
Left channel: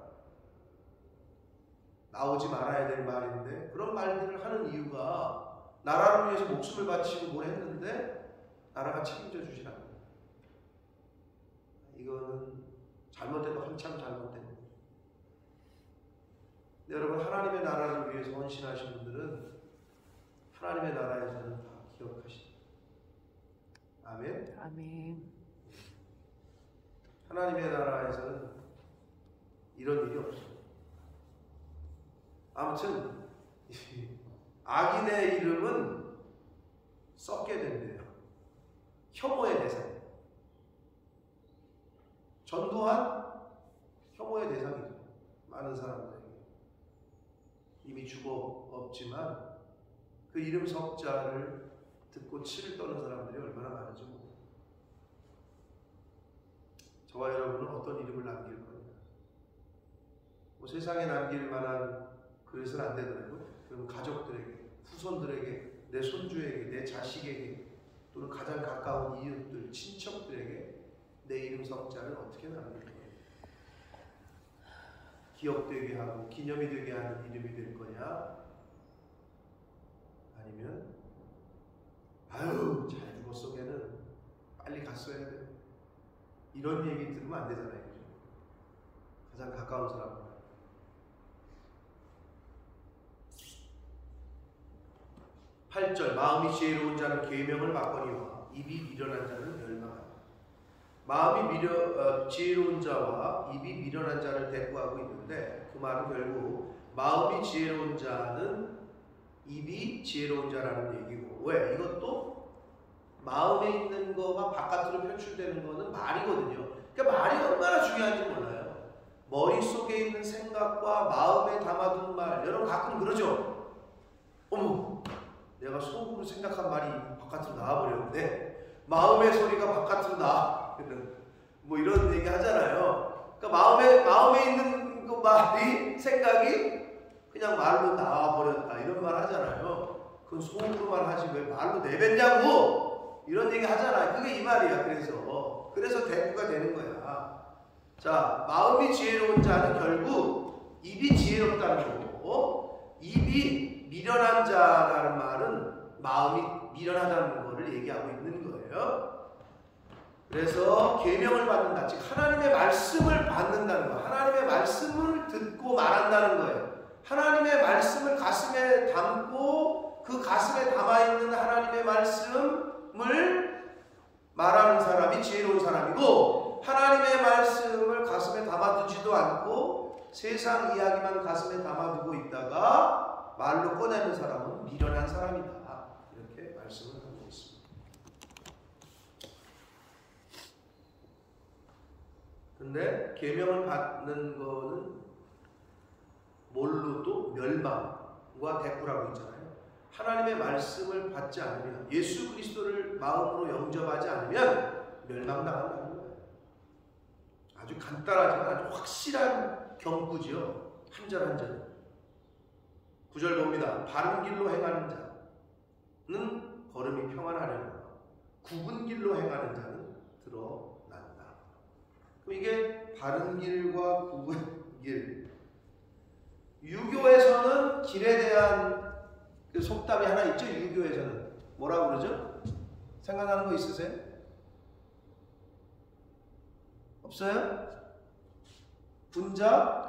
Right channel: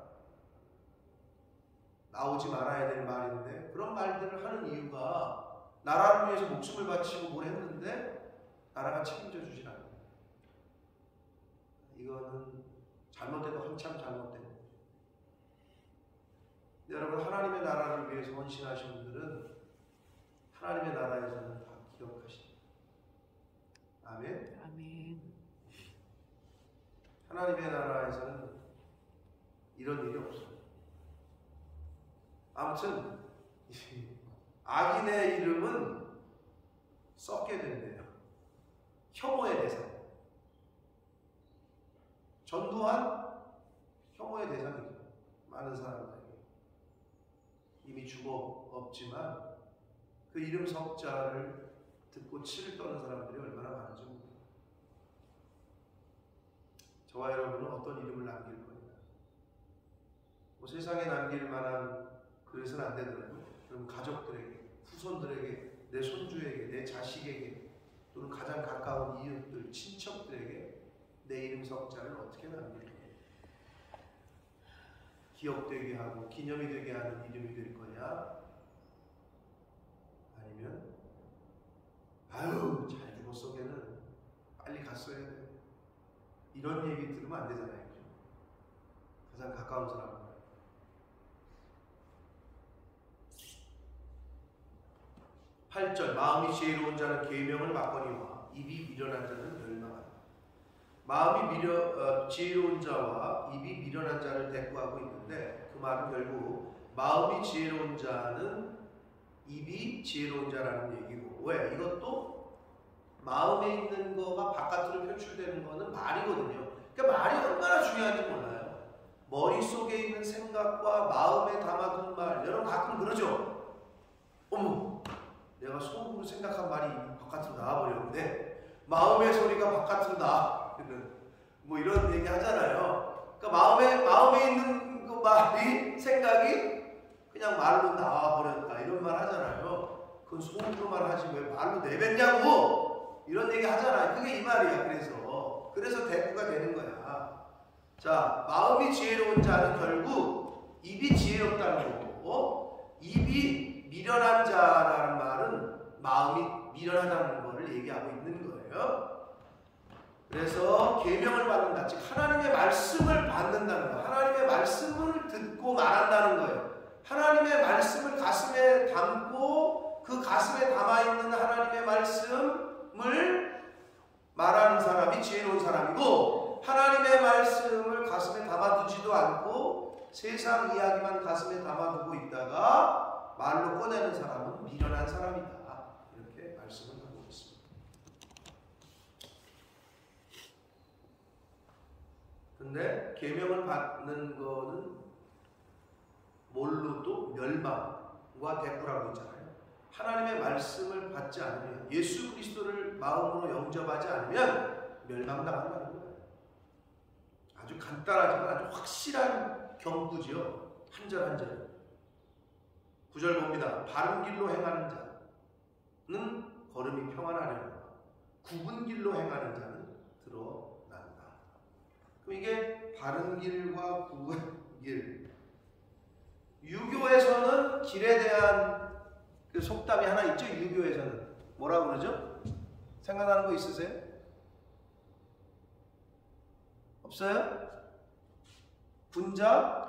나오지 말아야 될 말인데, 그런 말들을 하는 이유가 나라를 위해서 목숨을 바치고 뭘 했는데 나라가 책임져 주질 않는다. 이거는 잘못돼도 한참 잘못된 거예요. 여러분, 하나님의 나라를 위해서 헌신하신 분들은 하나님의 나라에서는 다 기억하시죠. 아멘. 아멘. 하나님의 나라에서는 이런 일이 없어요. 아무튼 악인의 이름은 썩게 된대요. 혐오의 대상. 전두환 혐오의 대상이죠. 많은 사람들에게. 이미 죽어 없지만 그 이름 석자를 듣고 치를 떠는 사람들이 얼마나 많은지 모릅니다. 저와 여러분은 어떤 이름을 남길 거냐. 뭐 세상에 남길 만한 그릇은 안 되더라도 그럼 가족들에게, 후손들에게, 내 손주에게, 내 자식에게, 또는 가장 가까운 이웃들, 친척들에게 내 이름 석자를 어떻게 남길 거냐. 기억되게 하고 기념이 되게 하는 이름이 될 거냐, 아니면 아유 잘 죽었어 걔는 빨리 갔어야 돼, 이런 얘기 들으면 안 되잖아요. 그죠? 가장 가까운 사람은. 8절 마음이 지혜로운 자는 계명을 받거니와 입이 미련한 자는 멸망한다. 마음이 지혜로운 자와 입이 미련한 자를 대꾸하고 있는데, 그 말은 결국 마음이 지혜로운 자는 입이 지혜로운 자라는 얘기고, 왜? 이것도 마음에 있는 거가 바깥으로 표출되는 거는 말이거든요. 그러니까 말이 얼마나 중요한지 몰라요. 머릿속에 있는 생각과 마음에 담아둔 말, 여러분 가끔 그러죠? 어머, 내가 속으로 생각한 말이 바깥으로 나와버렸는데 마음의 소리가 바깥으로 나와. 뭐 이런 얘기 하잖아요. 그러니까 마음에 있는 그 말이, 생각이 그냥 말로 나와버렸다, 이런 말 하잖아요. 그건 속으로만 하지 왜 말로 내뱉냐고, 이런 얘기 하잖아요. 그게 이 말이야. 그래서 대꾸가 되는 거야. 자, 마음이 지혜로운 자는 결국 입이 지혜롭다는 거고, 입이 미련한 자라는 말은 마음이 미련하다는 거를 얘기하고 있는 거예요. 그래서 계명을 받는다, 즉 하나님의 말씀을 받는다는 거예요. 하나님의 말씀을 듣고 말한다는 거예요. 하나님의 말씀을 가슴에 담고 그 가슴에 담아있는 하나님의 말씀을 말하는 사람이 지혜로운 사람이고, 하나님의 말씀을 가슴에 담아두지도 않고 세상 이야기만 가슴에 담아두고 있다가 말로 꺼내는 사람은 미련한 사람이다, 이렇게 말씀을 하고 있습니다. 근데 계명을 받는 거는 뭘로도 멸망과 대꾸라고 있잖아요. 하나님의 말씀을 받지 않으면, 예수 그리스도를 마음으로 영접하지 않으면 멸망당한다는 거예요. 아주 간단하지만 아주 확실한 경고지요. 한 절 한 절. 9절 봅니다. 바른 길로 행하는 자는 걸음이 평안하려나 굽은 길로 행하는 자는 드러난다. 그럼 이게 바른 길과 굽은 길. 유교에서는 길에 대한 그 속담이 하나 있죠. 유교에서는 뭐라고 그러죠? 생각나는 거 있으세요? 없어요? 분자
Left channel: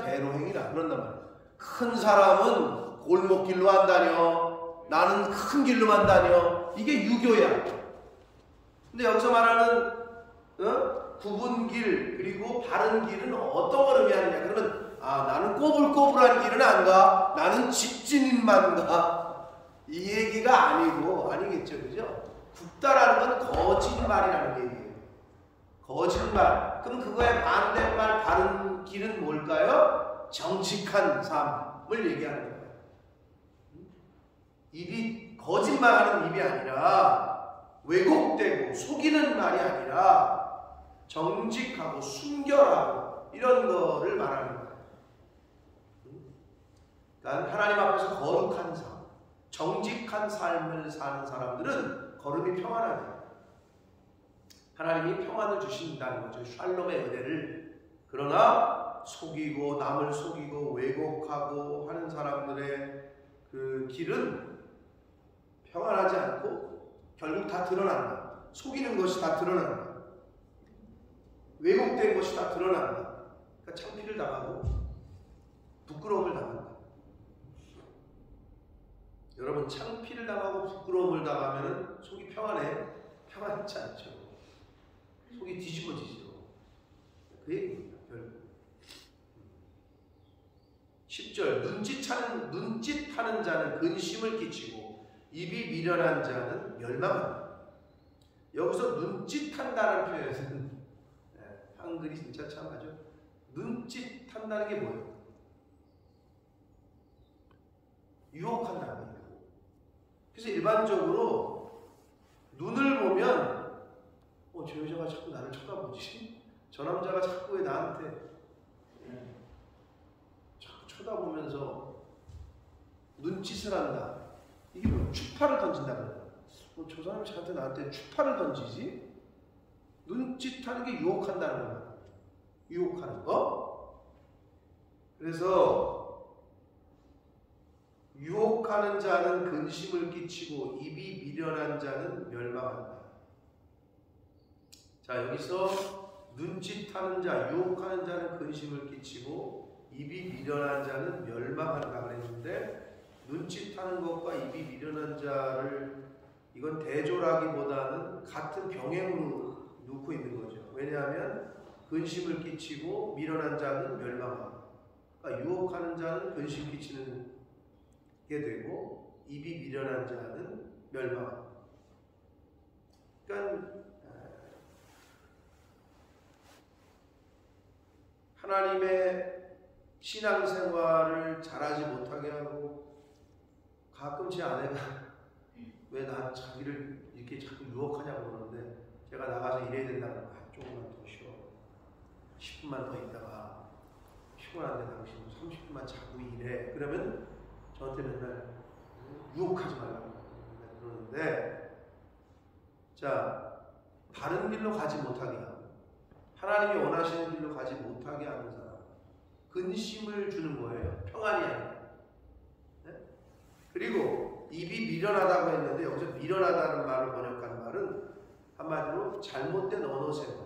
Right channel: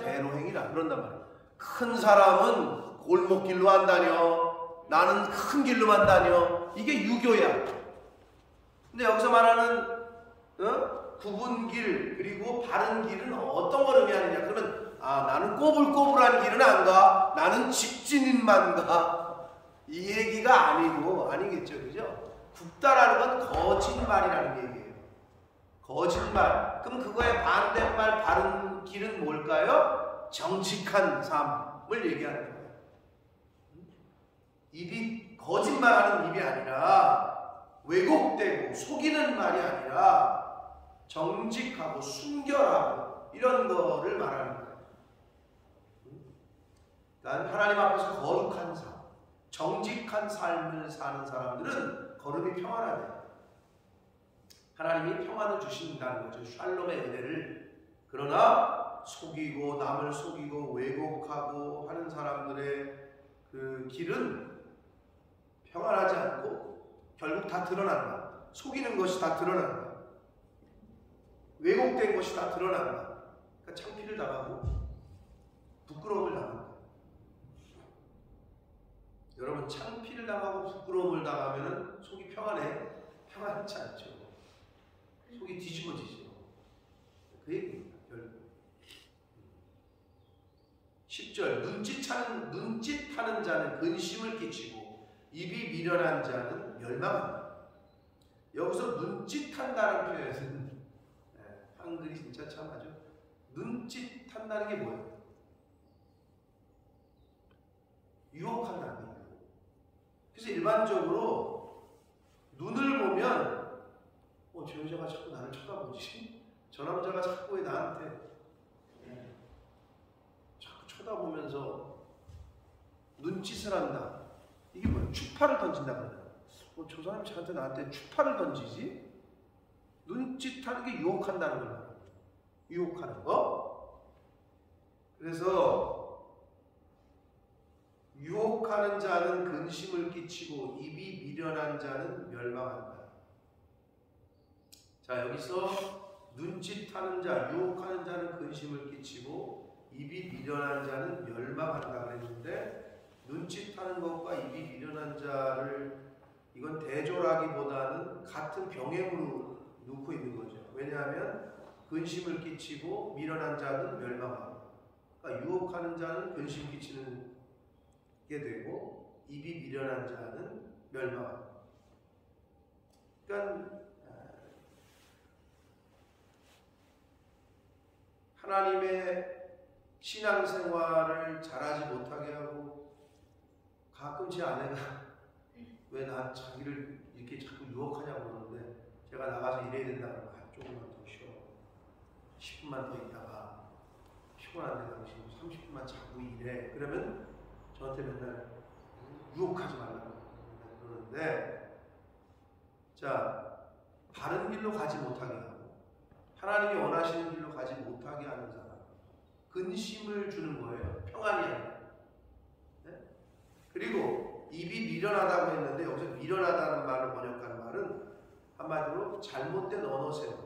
대로행이라 그런단 말이에요. 큰 사람은 골목길로 안 다녀, 나는 큰 길로만 다녀. 이게 유교야. 근데 여기서 말하는 굽은 길 그리고 바른 길은 어떤 걸 의미하느냐? 그러면 나는 꼬불꼬불한 길은 안 가, 나는 직진인만 가, 이 얘기가 아니겠죠, 그죠? 굽다라는 건 거짓말이라는 얘기예요. 거짓말. 그럼 그거의 반대말 바른 길은 뭘까요? 정직한 삶을 얘기하는 거예요. 입이 거짓말하는 입이 아니라, 왜곡되고 속이는 말이 아니라 정직하고 순결하고 이런 거를 말하는 거예요. 그러니까 하나님 앞에서 거룩한 삶, 정직한 삶을 사는 사람들은 걸음이 평안하대요. 하나님이 평안을 주신다는 거죠. 샬롬의 은혜를. 그러나 속이고 남을 속이고 왜곡하고 하는 사람들의 그 길은 평안하지 않고 결국 다 드러난다. 속이는 것이 다 드러난다. 왜곡된 것이 다 드러난다. 그러니까 창피를 당하고 부끄러움을 당한다. 여러분, 창피를 당하고 부끄러움을 당하면 속이 평안해요? 평안치 않죠. 속이 뒤집어지죠. 그 얘기입니다. 결국 10절 눈짓하는 자는 근심을 끼치고 입이 미련한 자는 멸망한다. 여기서 눈짓한다는 표현은 한글이 진짜 참 아주, 눈짓한다는 게 뭐예요? 유혹한다는 거예요. 그래서 일반적으로 눈을 보면 저 여자가 자꾸 나를 쳐다보지? 저 남자가 자꾸 왜 나한테 자꾸 쳐다보면서 눈짓을 한다. 이게 뭐야? 추파를 던진다 그러잖아. 저 사람이 나한테 추파를 던지지? 눈짓하는 게 유혹한다는 거야. 유혹하는 거. 그래서 유혹하는 자는 근심을 끼치고 입이 미련한 자는 멸망한다. 자, 여기서 눈짓하는 자, 유혹하는 자는 근심을 끼치고 입이 미련한 자는 멸망한다 그랬는데, 눈짓하는 것과 입이 미련한 자를 이건 대조라기보다는 같은 병행으로 놓고 있는 거죠. 왜냐하면 근심을 끼치고 미련한 자는 멸망한다. 그러니까 유혹하는 자는 근심 끼치는 게 되고 입이 미련한 자는 멸망한다. 그러니까 하나님의 신앙생활을 잘하지 못하게 하고, 가끔 제 아내가 왜 나 자기를 이렇게 자꾸 유혹하냐고 그러는데, 제가 나가서 일해야 된다 그러면 조금만 더 쉬어, 10분만 더 있다가 피곤한데 당신 30분만 자고 일해, 그러면 저한테 맨날 유혹하지 말라고 맨날 그러는데, 자, 바른 길로 가지 못하게 하고 하나님이 원하시는 길로 가지 못하게 하는 사람, 근심을 주는 거예요. 평안이 아니라. 네? 그리고 입이 미련하다고 했는데, 여기서 미련하다는 말로 번역한 말은 한마디로 잘못된 언어 생활.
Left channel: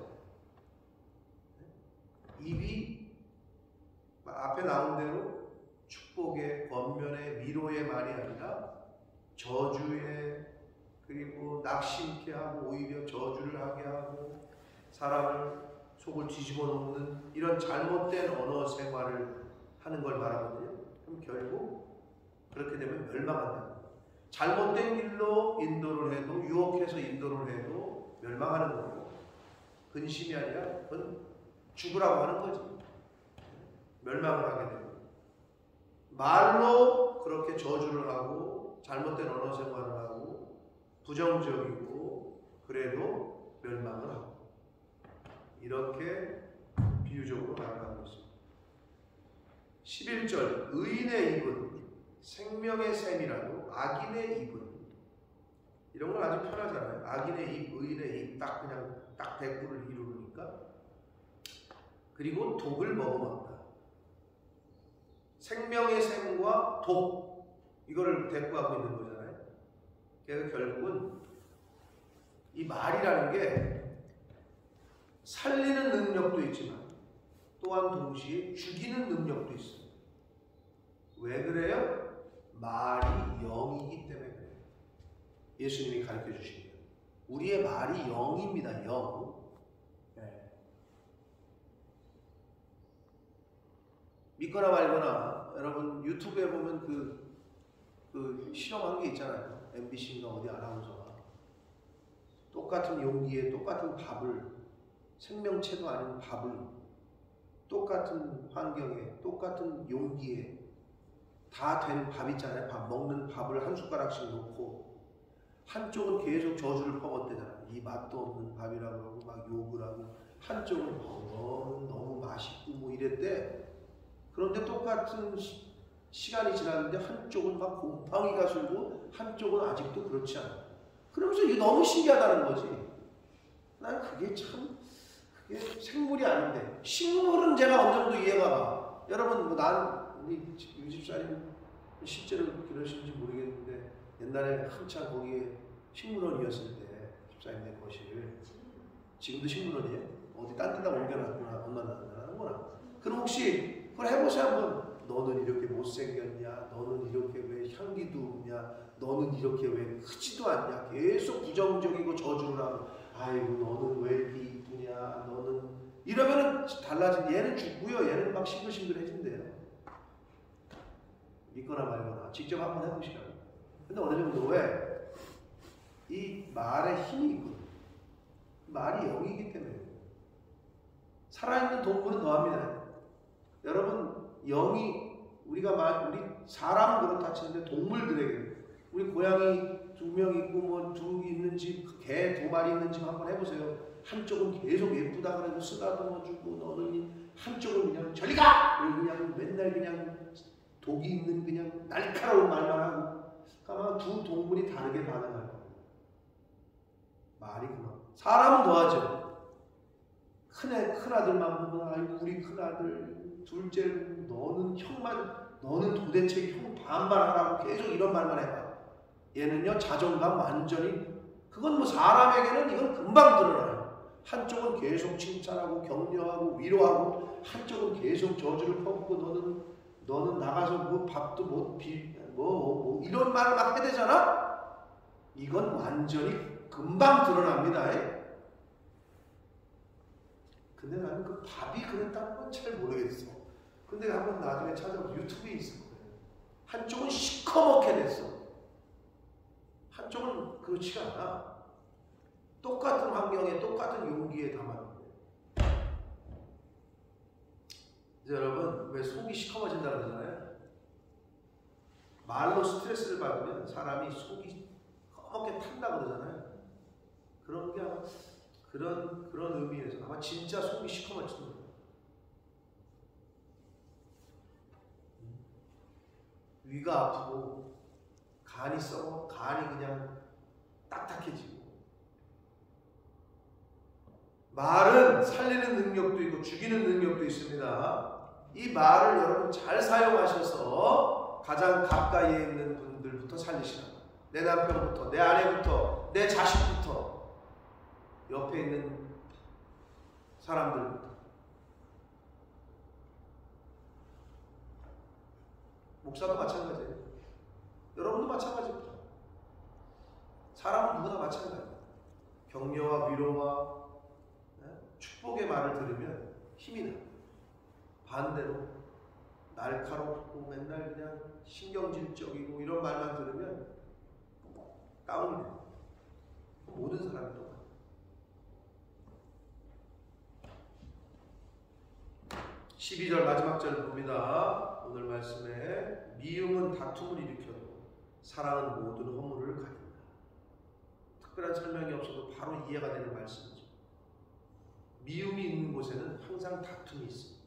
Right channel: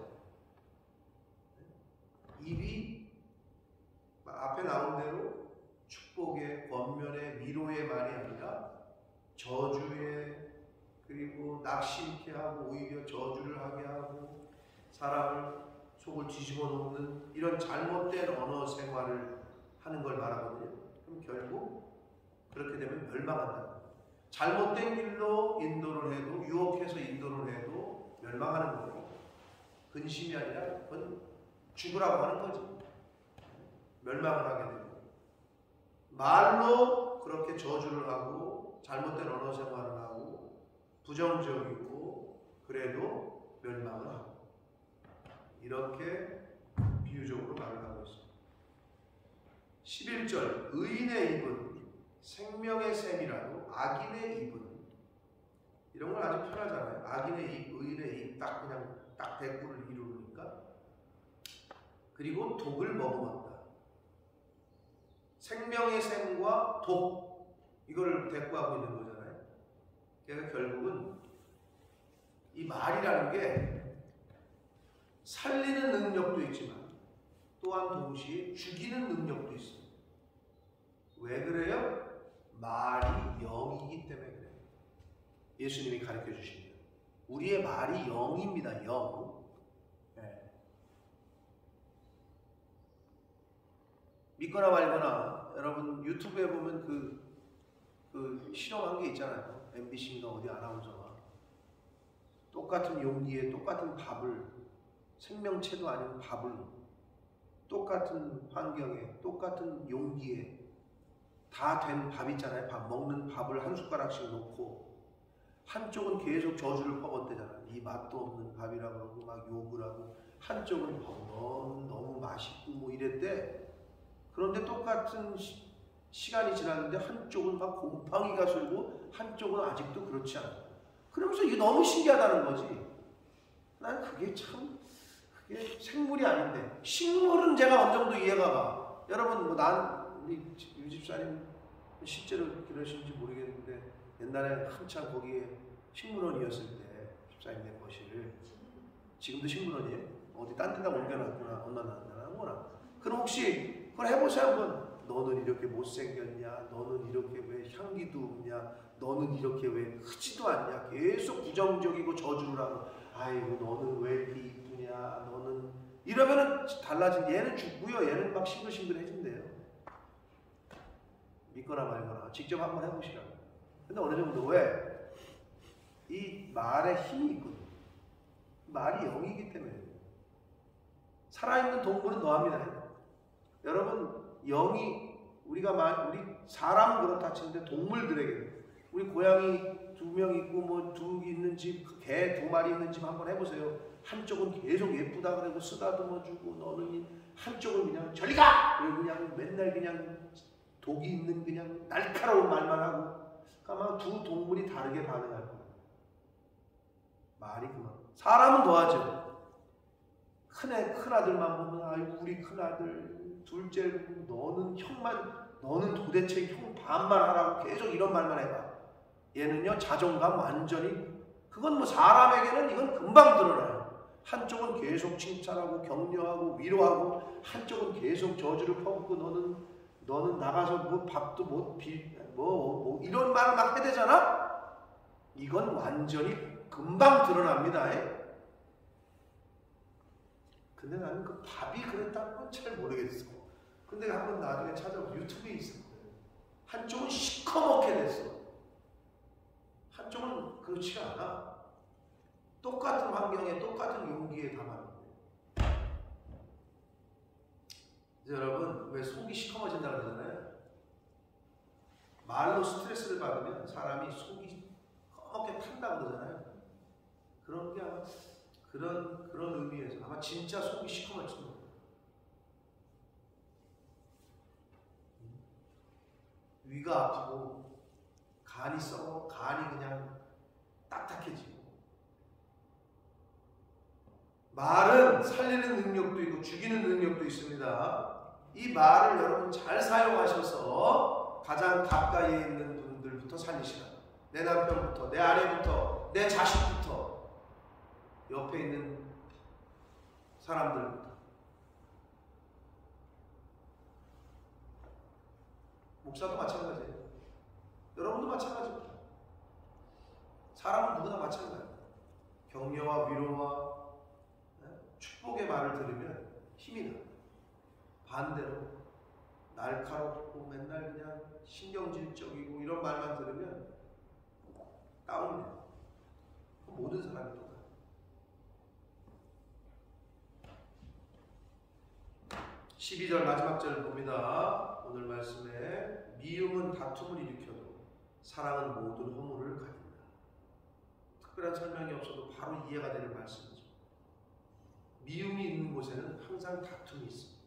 입이 앞에 나온 대로 축복의, 권면의, 위로의 말이 아니라 저주의, 그리고 낙심케 하고 오히려 저주를 하게 하고 사람을 속을 뒤집어 놓는 이런 잘못된 언어 생활을 하는 걸 말하거든요. 그럼 결국 그렇게 되면 멸망한다는 거예요. 잘못된 길로 인도를 해도, 유혹해서 인도를 해도 멸망하는 거고, 근심이 아니라 그건 죽으라고 하는 거지. 멸망을 하게 되고, 말로 그렇게 저주를 하고 잘못된 언어 생활을 하고 부정적이고 그래도 멸망을 하고, 이렇게 비유적으로 말을 하고 있습니다. 11절, 의인의 입은 생명의 샘이라도 악인의 입은, 이런 건 아주 편하잖아요. 악인의 입, 의인의 입, 딱 그냥 딱 대꾸를 이루니까. 그리고 독을 머금었다. 생명의 샘과 독, 이걸 대꾸하고 있는 거잖아요. 그래서 결국은 이 말이라는 게 살리는 능력도 있지만 또한 동시에 죽이는 능력도 있어요. 왜 그래요? 말이 영이기 때문에 그래요. 예수님이 가르쳐 주신 대로 우리의 말이 영입니다. 영. 네. 믿거나 말거나, 여러분 유튜브에 보면 그 실험한 게 있잖아요. MBC인가 어디 아나운서가 똑같은 용기에 똑같은 밥을, 생명체도 아닌 밥을 똑같은 환경에 똑같은 용기에 다 된 밥 있잖아요. 밥 먹는 밥을 한 숟가락씩 놓고 한쪽은 계속 저주를 퍼붓대잖아요. 이 맛도 없는 밥이라고 그러고 막 욕을 하고, 한쪽은 너는 너무 맛있고 뭐 이랬대. 그런데 똑같은 시간이 지났는데 한쪽은 막 곰팡이가 슬고 한쪽은 아직도 그렇지 않아요. 그러면서 이게 너무 신기하다는 거지. 난 그게 생물이 아닌데, 식물은 제가 어느 정도 이해가 가. 여러분, 우리 유집사님 실제로 그러신지 모르겠는데, 옛날에 한참 거기에 식물원이었을 때, 집사님네 거실, 지금도 식물원이에요? 어디 딴 데다 옮겨놨구나, 엄마나. 그럼 혹시 그걸 해보세요 한번. 너는 이렇게 못생겼냐? 너는 이렇게 왜 향기도 없냐? 너는 이렇게 왜 크지도 않냐? 계속 부정적이고 저주를 하고, 아이고 너는 왜 이렇게 이쁘냐? 너는 이러면은 달라진, 얘는 죽고요, 얘는 막 싱글싱글해진대요. 믿거나 말거나 직접 한번 해보시라고. 근데 어느 정도에 이 말에 힘이 있거든요. 말이 영이기 때문에. 살아있는 동물은 더합니다. 여러분, 영이, 우리 사람은 그렇다 치는데 동물들에게, 우리 고양이 두 명 있고 뭐 두 있는 집, 개 두 마리 있는 집 한번 해보세요. 한쪽은 계속 예쁘다 그러고 쓰다듬어주고 너는 한쪽은 그냥 저리 가! 그리고 그냥 맨날 그냥 독이 있는 그냥 날카로운 말만 하고 아마 두 동물이 다르게 반응할 겁니다. 말이 그만. 사람은 더하죠. 큰아들만 보면 아이고 우리 큰아들 둘째 너는 너는 도대체 형 반말 하라고 계속 이런 말만 해봐. 얘는요 자존감 완전히 그건 뭐 사람에게는 이건 금방 드러나요. 한쪽은 계속 칭찬하고 격려하고 위로하고 한쪽은 계속 저주를 퍼붓고 너는 나가서 뭐 밥도 뭐 이런 말을 막 해대잖아. 이건 완전히 금방 드러납니다. 근데 나는 그 밥이 그랬다는 건 잘 모르겠어. 근데 한번 나중에 찾아보면 유튜브에 있을 거예요. 한쪽은 시커멓게 됐어. 한쪽은 그렇지가 않아. 똑같은 환경에 똑같은 용기에 담았는데. 이제 여러분 왜 속이 시커머진다 그러잖아요. 말로 스트레스를 받으면 사람이 속이 검게 탄다 그러잖아요. 그런 게 아마 그런 의미에서 아마 진짜 속이 시커멓지도 몰라요. 위가 아프고 간이 썩어 간이 그냥 딱딱해지고 말은 살리는 능력도 있고 죽이는 능력도 있습니다. 이 말을 여러분 잘 사용하셔서 가장 가까이에 있는 분들부터 살리시라. 내 남편부터, 내 아내부터, 내 자식부터, 옆에 있는 사람들부터. 목사도 마찬가지예요. 여러분도 마찬가지입니다. 사람은 누구나 마찬가지예요. 격려와 위로와 축복의 말을 들으면 힘이 나. 반대로 날카롭고 맨날 그냥 신경질적이고 이런 말만 들으면 다운이 돼요. 모든 사람이 똑같아요. 12절 마지막 절 봅니다. 오늘 말씀에 미움은 다툼을 일으켜도 사랑은 모든 허물을 가린다. 특별한 설명이 없어도 바로 이해가 되는 말씀이죠. 미움이 있는 곳에는 항상 다툼이 있습니다.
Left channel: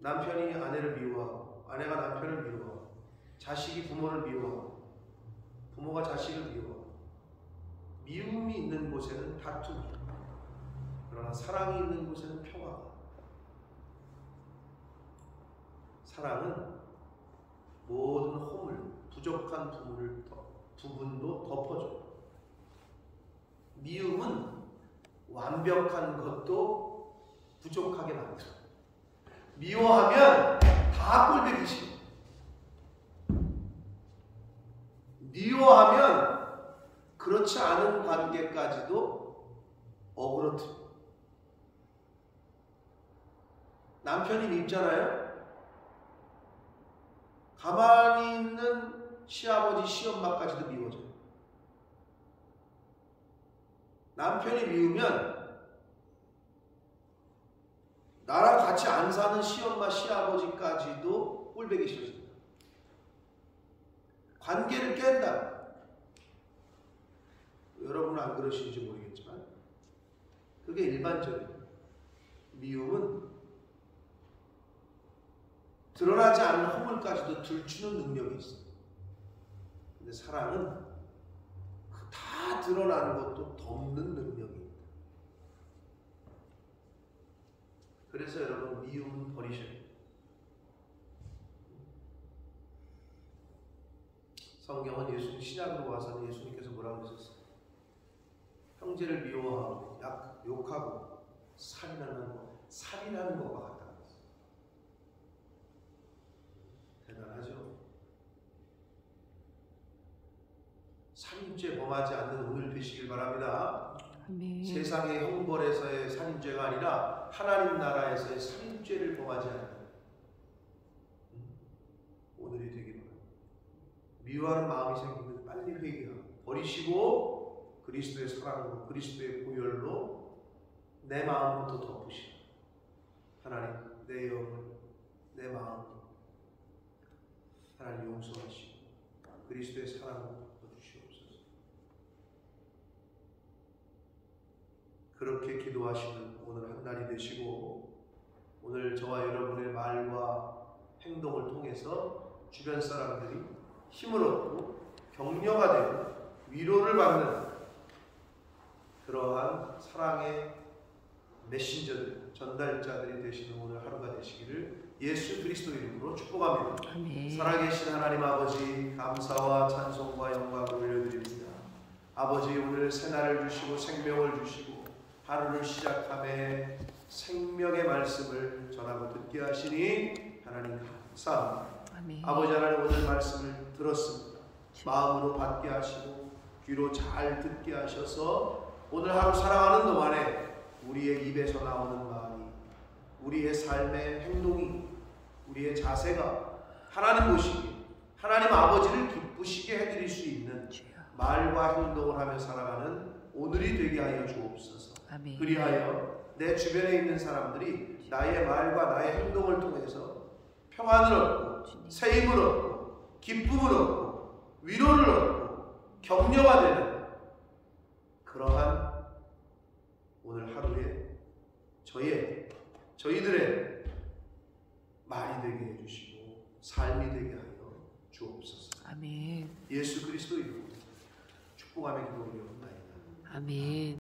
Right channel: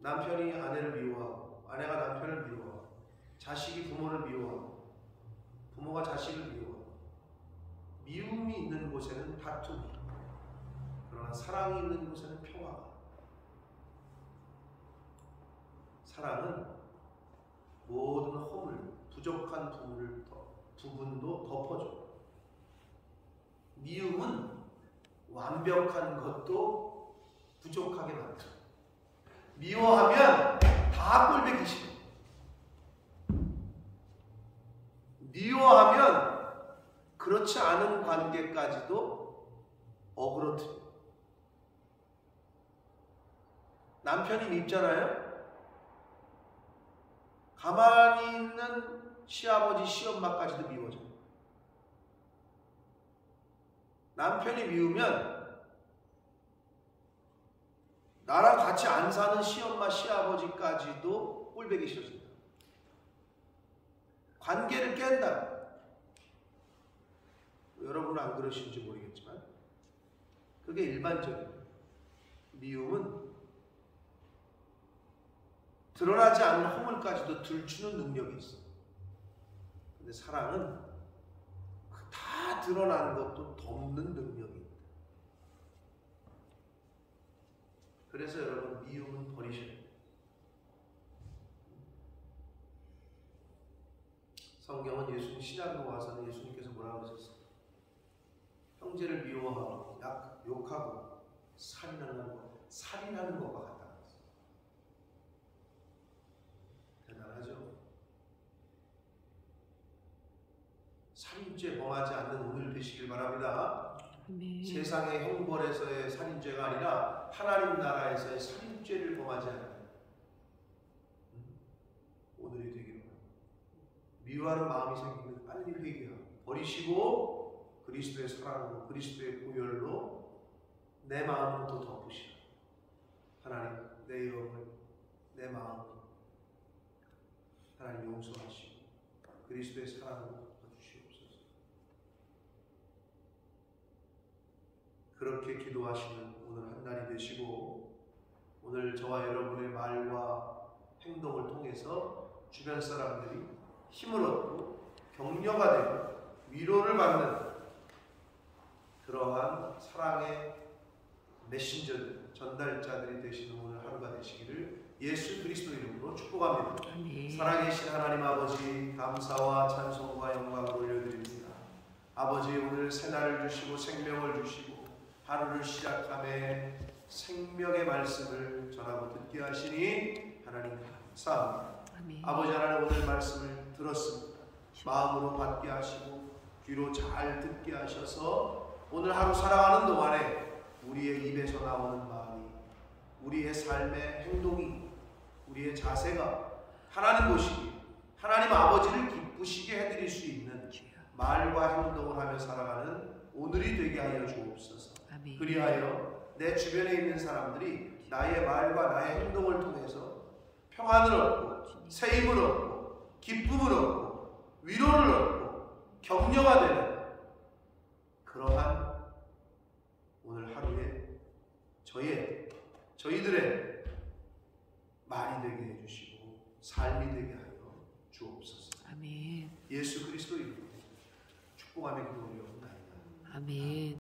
남편이 아내를 미워하고 아내가 남편을 미워하고 자식이 부모를 미워하고 부모가 자식을 미워하고 미움이 있는 곳에는 다툼이, 그러나 사랑이 있는 곳에는 평화가. 사랑은 모든 허물, 부족한 부분도 덮어줘. 미움은 완벽한 것도 부족하게 만들어. 미워하면 다 꼴보기 싫어. 미워하면 그렇지 않은 관계까지도 어그러뜨려. 남편이 밉잖아요. 가만히 있는 시아버지, 시엄마까지도 미워져. 남편이 미우면 나랑 같이 안 사는 시엄마, 시아버지까지도 꼴보기 싫어진다. 관계를 깬다. 여러분은 안 그러신지 모르겠지만 그게 일반적이에요. 미움은 드러나지 않는 허물까지도 들추는 능력이 있어. 근데 사랑은 다 드러나는 것도 덮는 능력이 있다. 그래서 여러분 미움은 버리셔야 돼요. 성경은 예수님 신약으로 와서는 예수님께서 뭐라고 하셨어요? 형제를 미워하고 욕하고 살인하는 것과 같다고 했어요. 대단하죠? 살인죄 범하지 않는 오늘 되시길 바랍니다. 아멘. 세상의 형벌에서의 살인죄가 아니라 하나님 나라에서의 살인죄를 범하지 않는 오늘이 되기를 바랍니다. 미워하는 마음이 생기면 빨리 회개하고 버리시고 그리스도의 사랑으로 그리스도의 보혈로 내 마음부터 덮으시라. 하나님 내 영을 내 마음을 하나님 용서하시고 그리스도의 사랑으로 덮어주시옵소서. 그렇게 기도하시는 오늘 한 날이 되시고, 오늘 저와 여러분의 말과 행동을 통해서 주변 사람들이 힘을 얻고 격려가 되고 위로를 받는 그러한 사랑의 메신저들, 전달자들이 되시는 오늘 하루가 되시기를 예수 그리스도 이름으로 축복합니다. 아멘. 살아계신 하나님 아버지, 감사와 찬송과 영광을 올려드립니다. 아버지, 오늘 새날을 주시고 생명을 주시고 하루를 시작함에 생명의 말씀을 전하고 듣게 하시니 하나님 감사합니다. 아멘. 아버지 하나님, 오늘 말씀을 들었습니다. 마음으로 받게 하시고 귀로 잘 듣게 하셔서 오늘 하루 살아가는 동안에 우리의 입에서 나오는 말이, 우리의 삶의 행동이, 우리의 자세가 하나님 보시기에 하나님 아버지를 기쁘시게 해드릴 수 있는 말과 행동을 하며 살아가는 오늘이 되게 하여 주옵소서. 아멘. 그리하여 내 주변에 있는 사람들이 나의 말과 나의 행동을 통해서 평안을 얻고 새 힘을 얻고 기쁨을 얻고 위로를 얻고 격려가 되는 그러한 오늘 하루에 저희들의 말이 되게 해주시고 삶이 되게 하여 주옵소서. 아멘. 예수 그리스도 이름으로 축복하며 기도 올리옵나이다. 아멘.